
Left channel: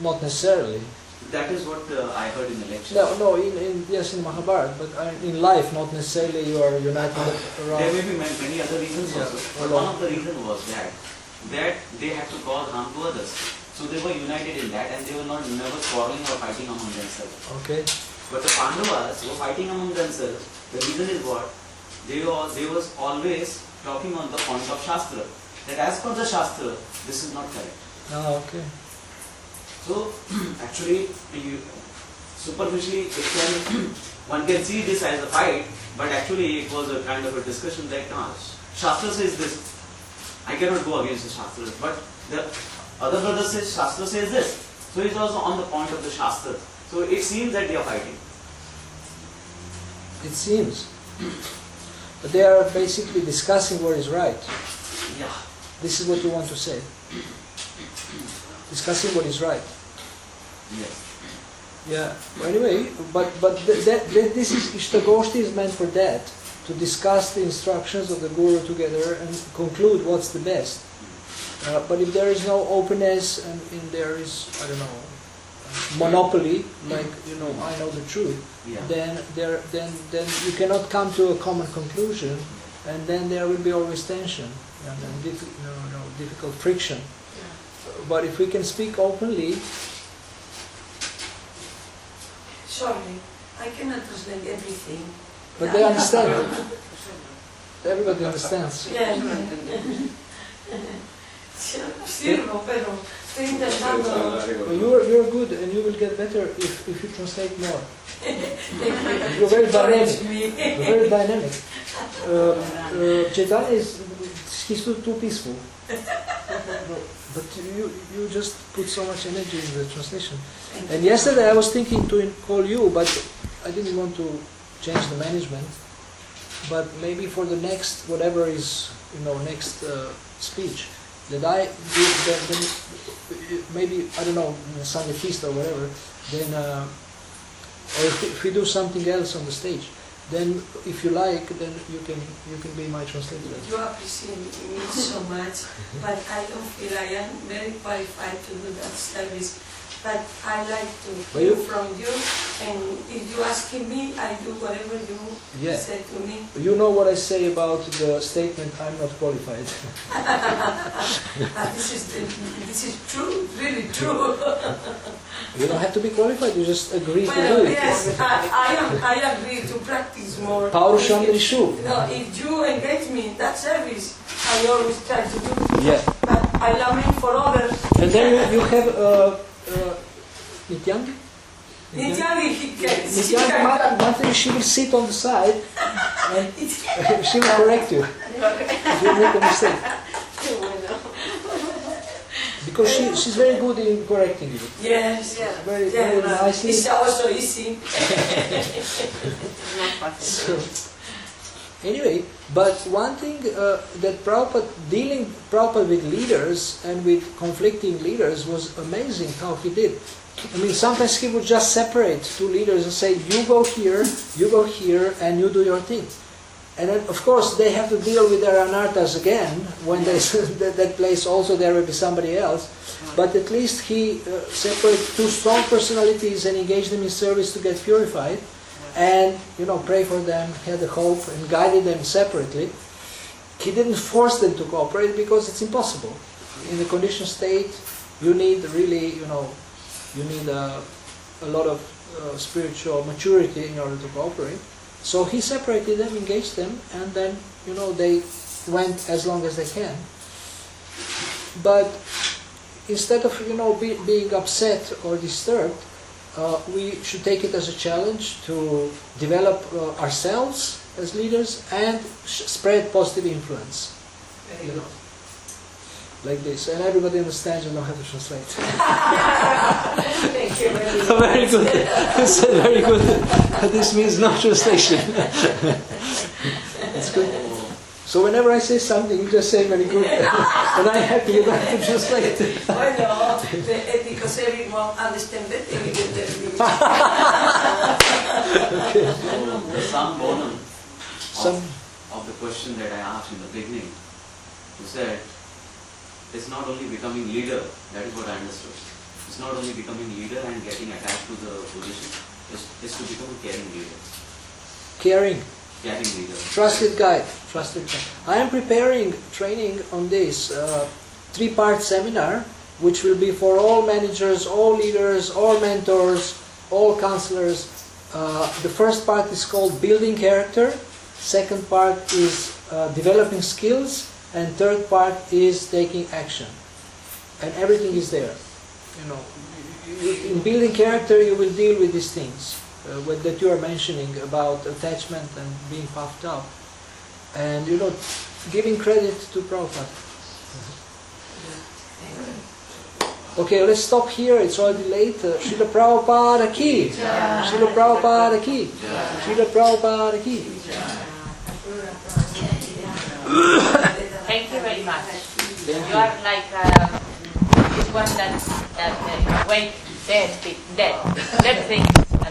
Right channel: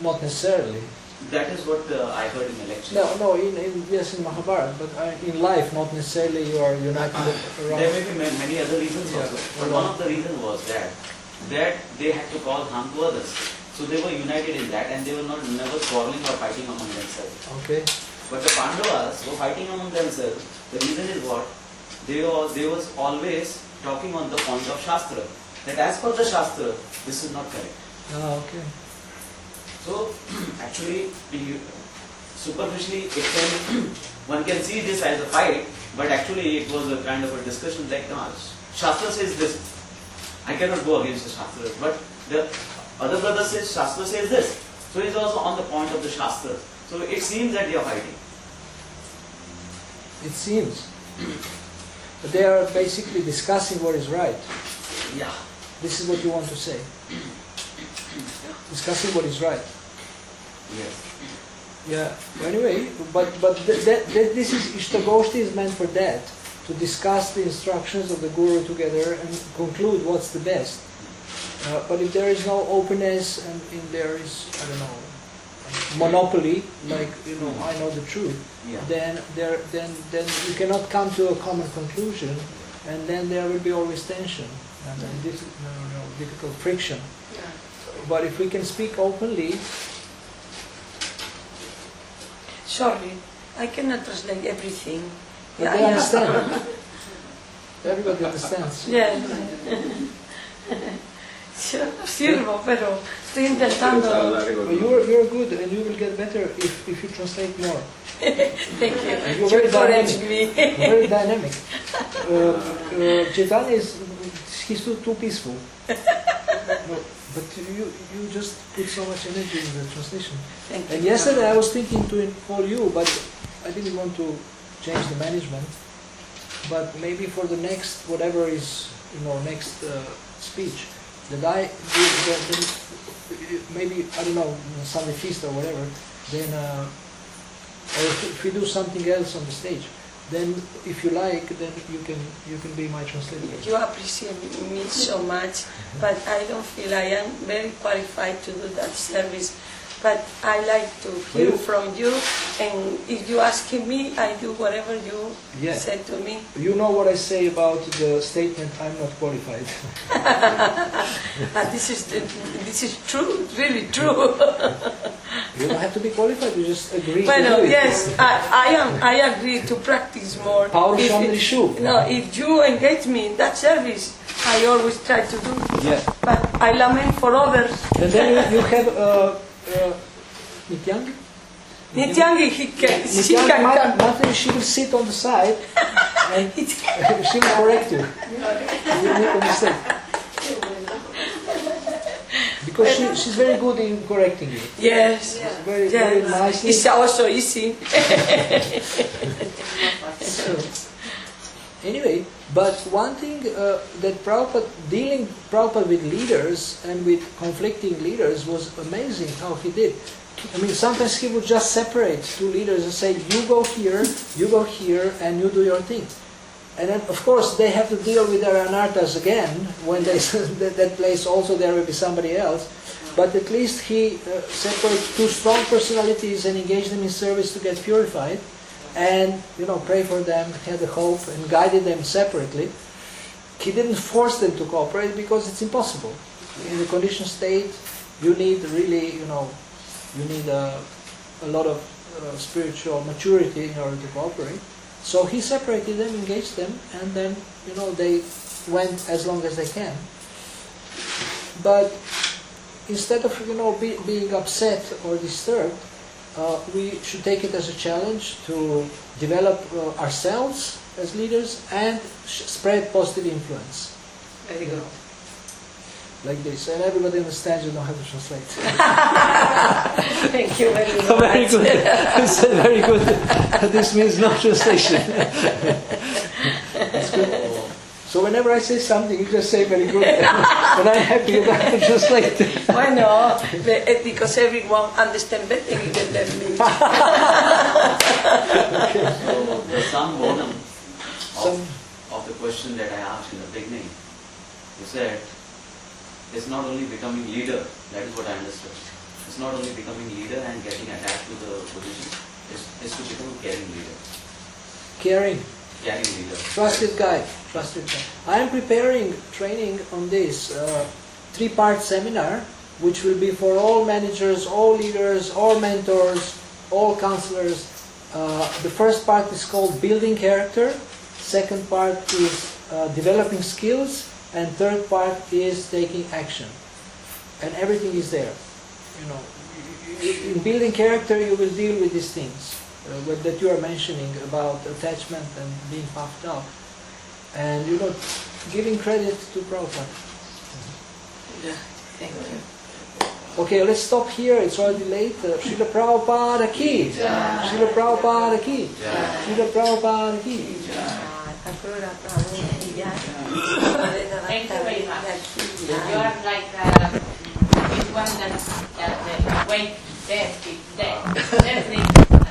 Not necessarily. That is what I heard in the lecture. No, yes, in Mahabharata, but in life, not necessarily you are united around. There may be many other reasons Yeah, also. But one of the reasons was that they had to cause harm to others. So they were united in that, and they were never quarreling or fighting among themselves. Okay. But the Pandavas were fighting among themselves. The reason is what? They was always talking on the point of Shastra. That as per the Shastra, this is not correct. Okay. So, actually, superficially, one can see this as a fight, but actually it was a kind of a discussion like, Shastra says this, I cannot go against the Shastra, but the other brother says Shastra says this, so it was on the point of the Shastra. So it seems that they are fighting. It seems. But they are basically discussing what is right. Yeah. This is what you want to say. Discussing what is right. Yes. Yeah. Well, anyway, but this is Ishtagoshti is meant for that, to discuss the instructions of the Guru together and conclude what's the best. But if there is no openness and there is, I don't know, monopoly, like I know the truth, then you cannot come to a common conclusion, and then there will be always tension and then difficult friction. But if we can speak openly. Sorry, I cannot translate everything. But they understand. Everybody understands. Yeah. Sirvo, pero estoy intentando. But you're good, and you will get better if you translate more. Thank you. You're very dynamic. Me. You're very dynamic. Chaitanya he's too peaceful. But you just put so much energy in the translation. And yesterday I was thinking to call you, but I didn't want to change the management. But maybe for the next, whatever is, next speech, that I maybe, I don't know, Sunday feast or whatever, then, or if we do something else on the stage, then if you like, then you can be my translator. You appreciate me so much, but I don't feel I am very qualified to do that service. But I like to hear from you, and if you asking me, I do whatever you said to me. You know what I say about the statement, I'm not qualified. This is true, really true. You don't have to be qualified, you just agree to do it. Yes, I agree to practice more. Paurushandrishu. If you engage me in that service, I always try to do. Yeah. But I lament for others. And then you have Nityangi? Nityangi, she will sit on the side and she will correct you if you make a mistake. Because she's very good in correcting you. Yes. Very nicely. It's also easy. So, anyway, but one thing that Prabhupada with leaders and with conflicting leaders was amazing how he did. I mean, sometimes he would just separate two leaders and say, you go here, and you do your thing. And then, of course, they have to deal with their anarthas again. When they that place also there will be somebody else. But at least he separated two strong personalities and engaged them in service to get purified. And, pray for them, had the hope, and guided them separately. He didn't force them to cooperate because it's impossible. In the conditioned state, you need really, you need a lot of spiritual maturity in order to cooperate. So he separated them, engaged them, and then, they went as long as they can. But instead of, being upset or disturbed, we should take it as a challenge to develop ourselves as leaders and spread positive influence. like this, and everybody understands. You don't have to translate. Thank you very much. Very good. You said very good. This means no translation. That's good. So whenever I say something, you just say very good, and I'm happy you don't have to translate. Bueno, because everyone understands better in the So the sum bonum Some- of the question that I asked in the beginning, you said, it's not only becoming leader, that is what I understood. It's not only becoming leader and getting attached to the position, it's to become a caring leader. Caring. Caring leader. Trusted guide. Trusted guide. I am preparing training on this 3-part seminar, which will be for all managers, all leaders, all mentors, all counselors. The first part is called building character. Second part is developing skills, and third part is taking action. And everything is there. You know, in building character, you will deal with these things that you are mentioning about attachment and being puffed up, and giving credit to Prabhupada. Okay, let's stop here. It's already late. Srila Prabhupada ki. Srila Prabhupada ki. Srila Prabhupada ki. Thank you very much. You are like this one that awake dead thing, and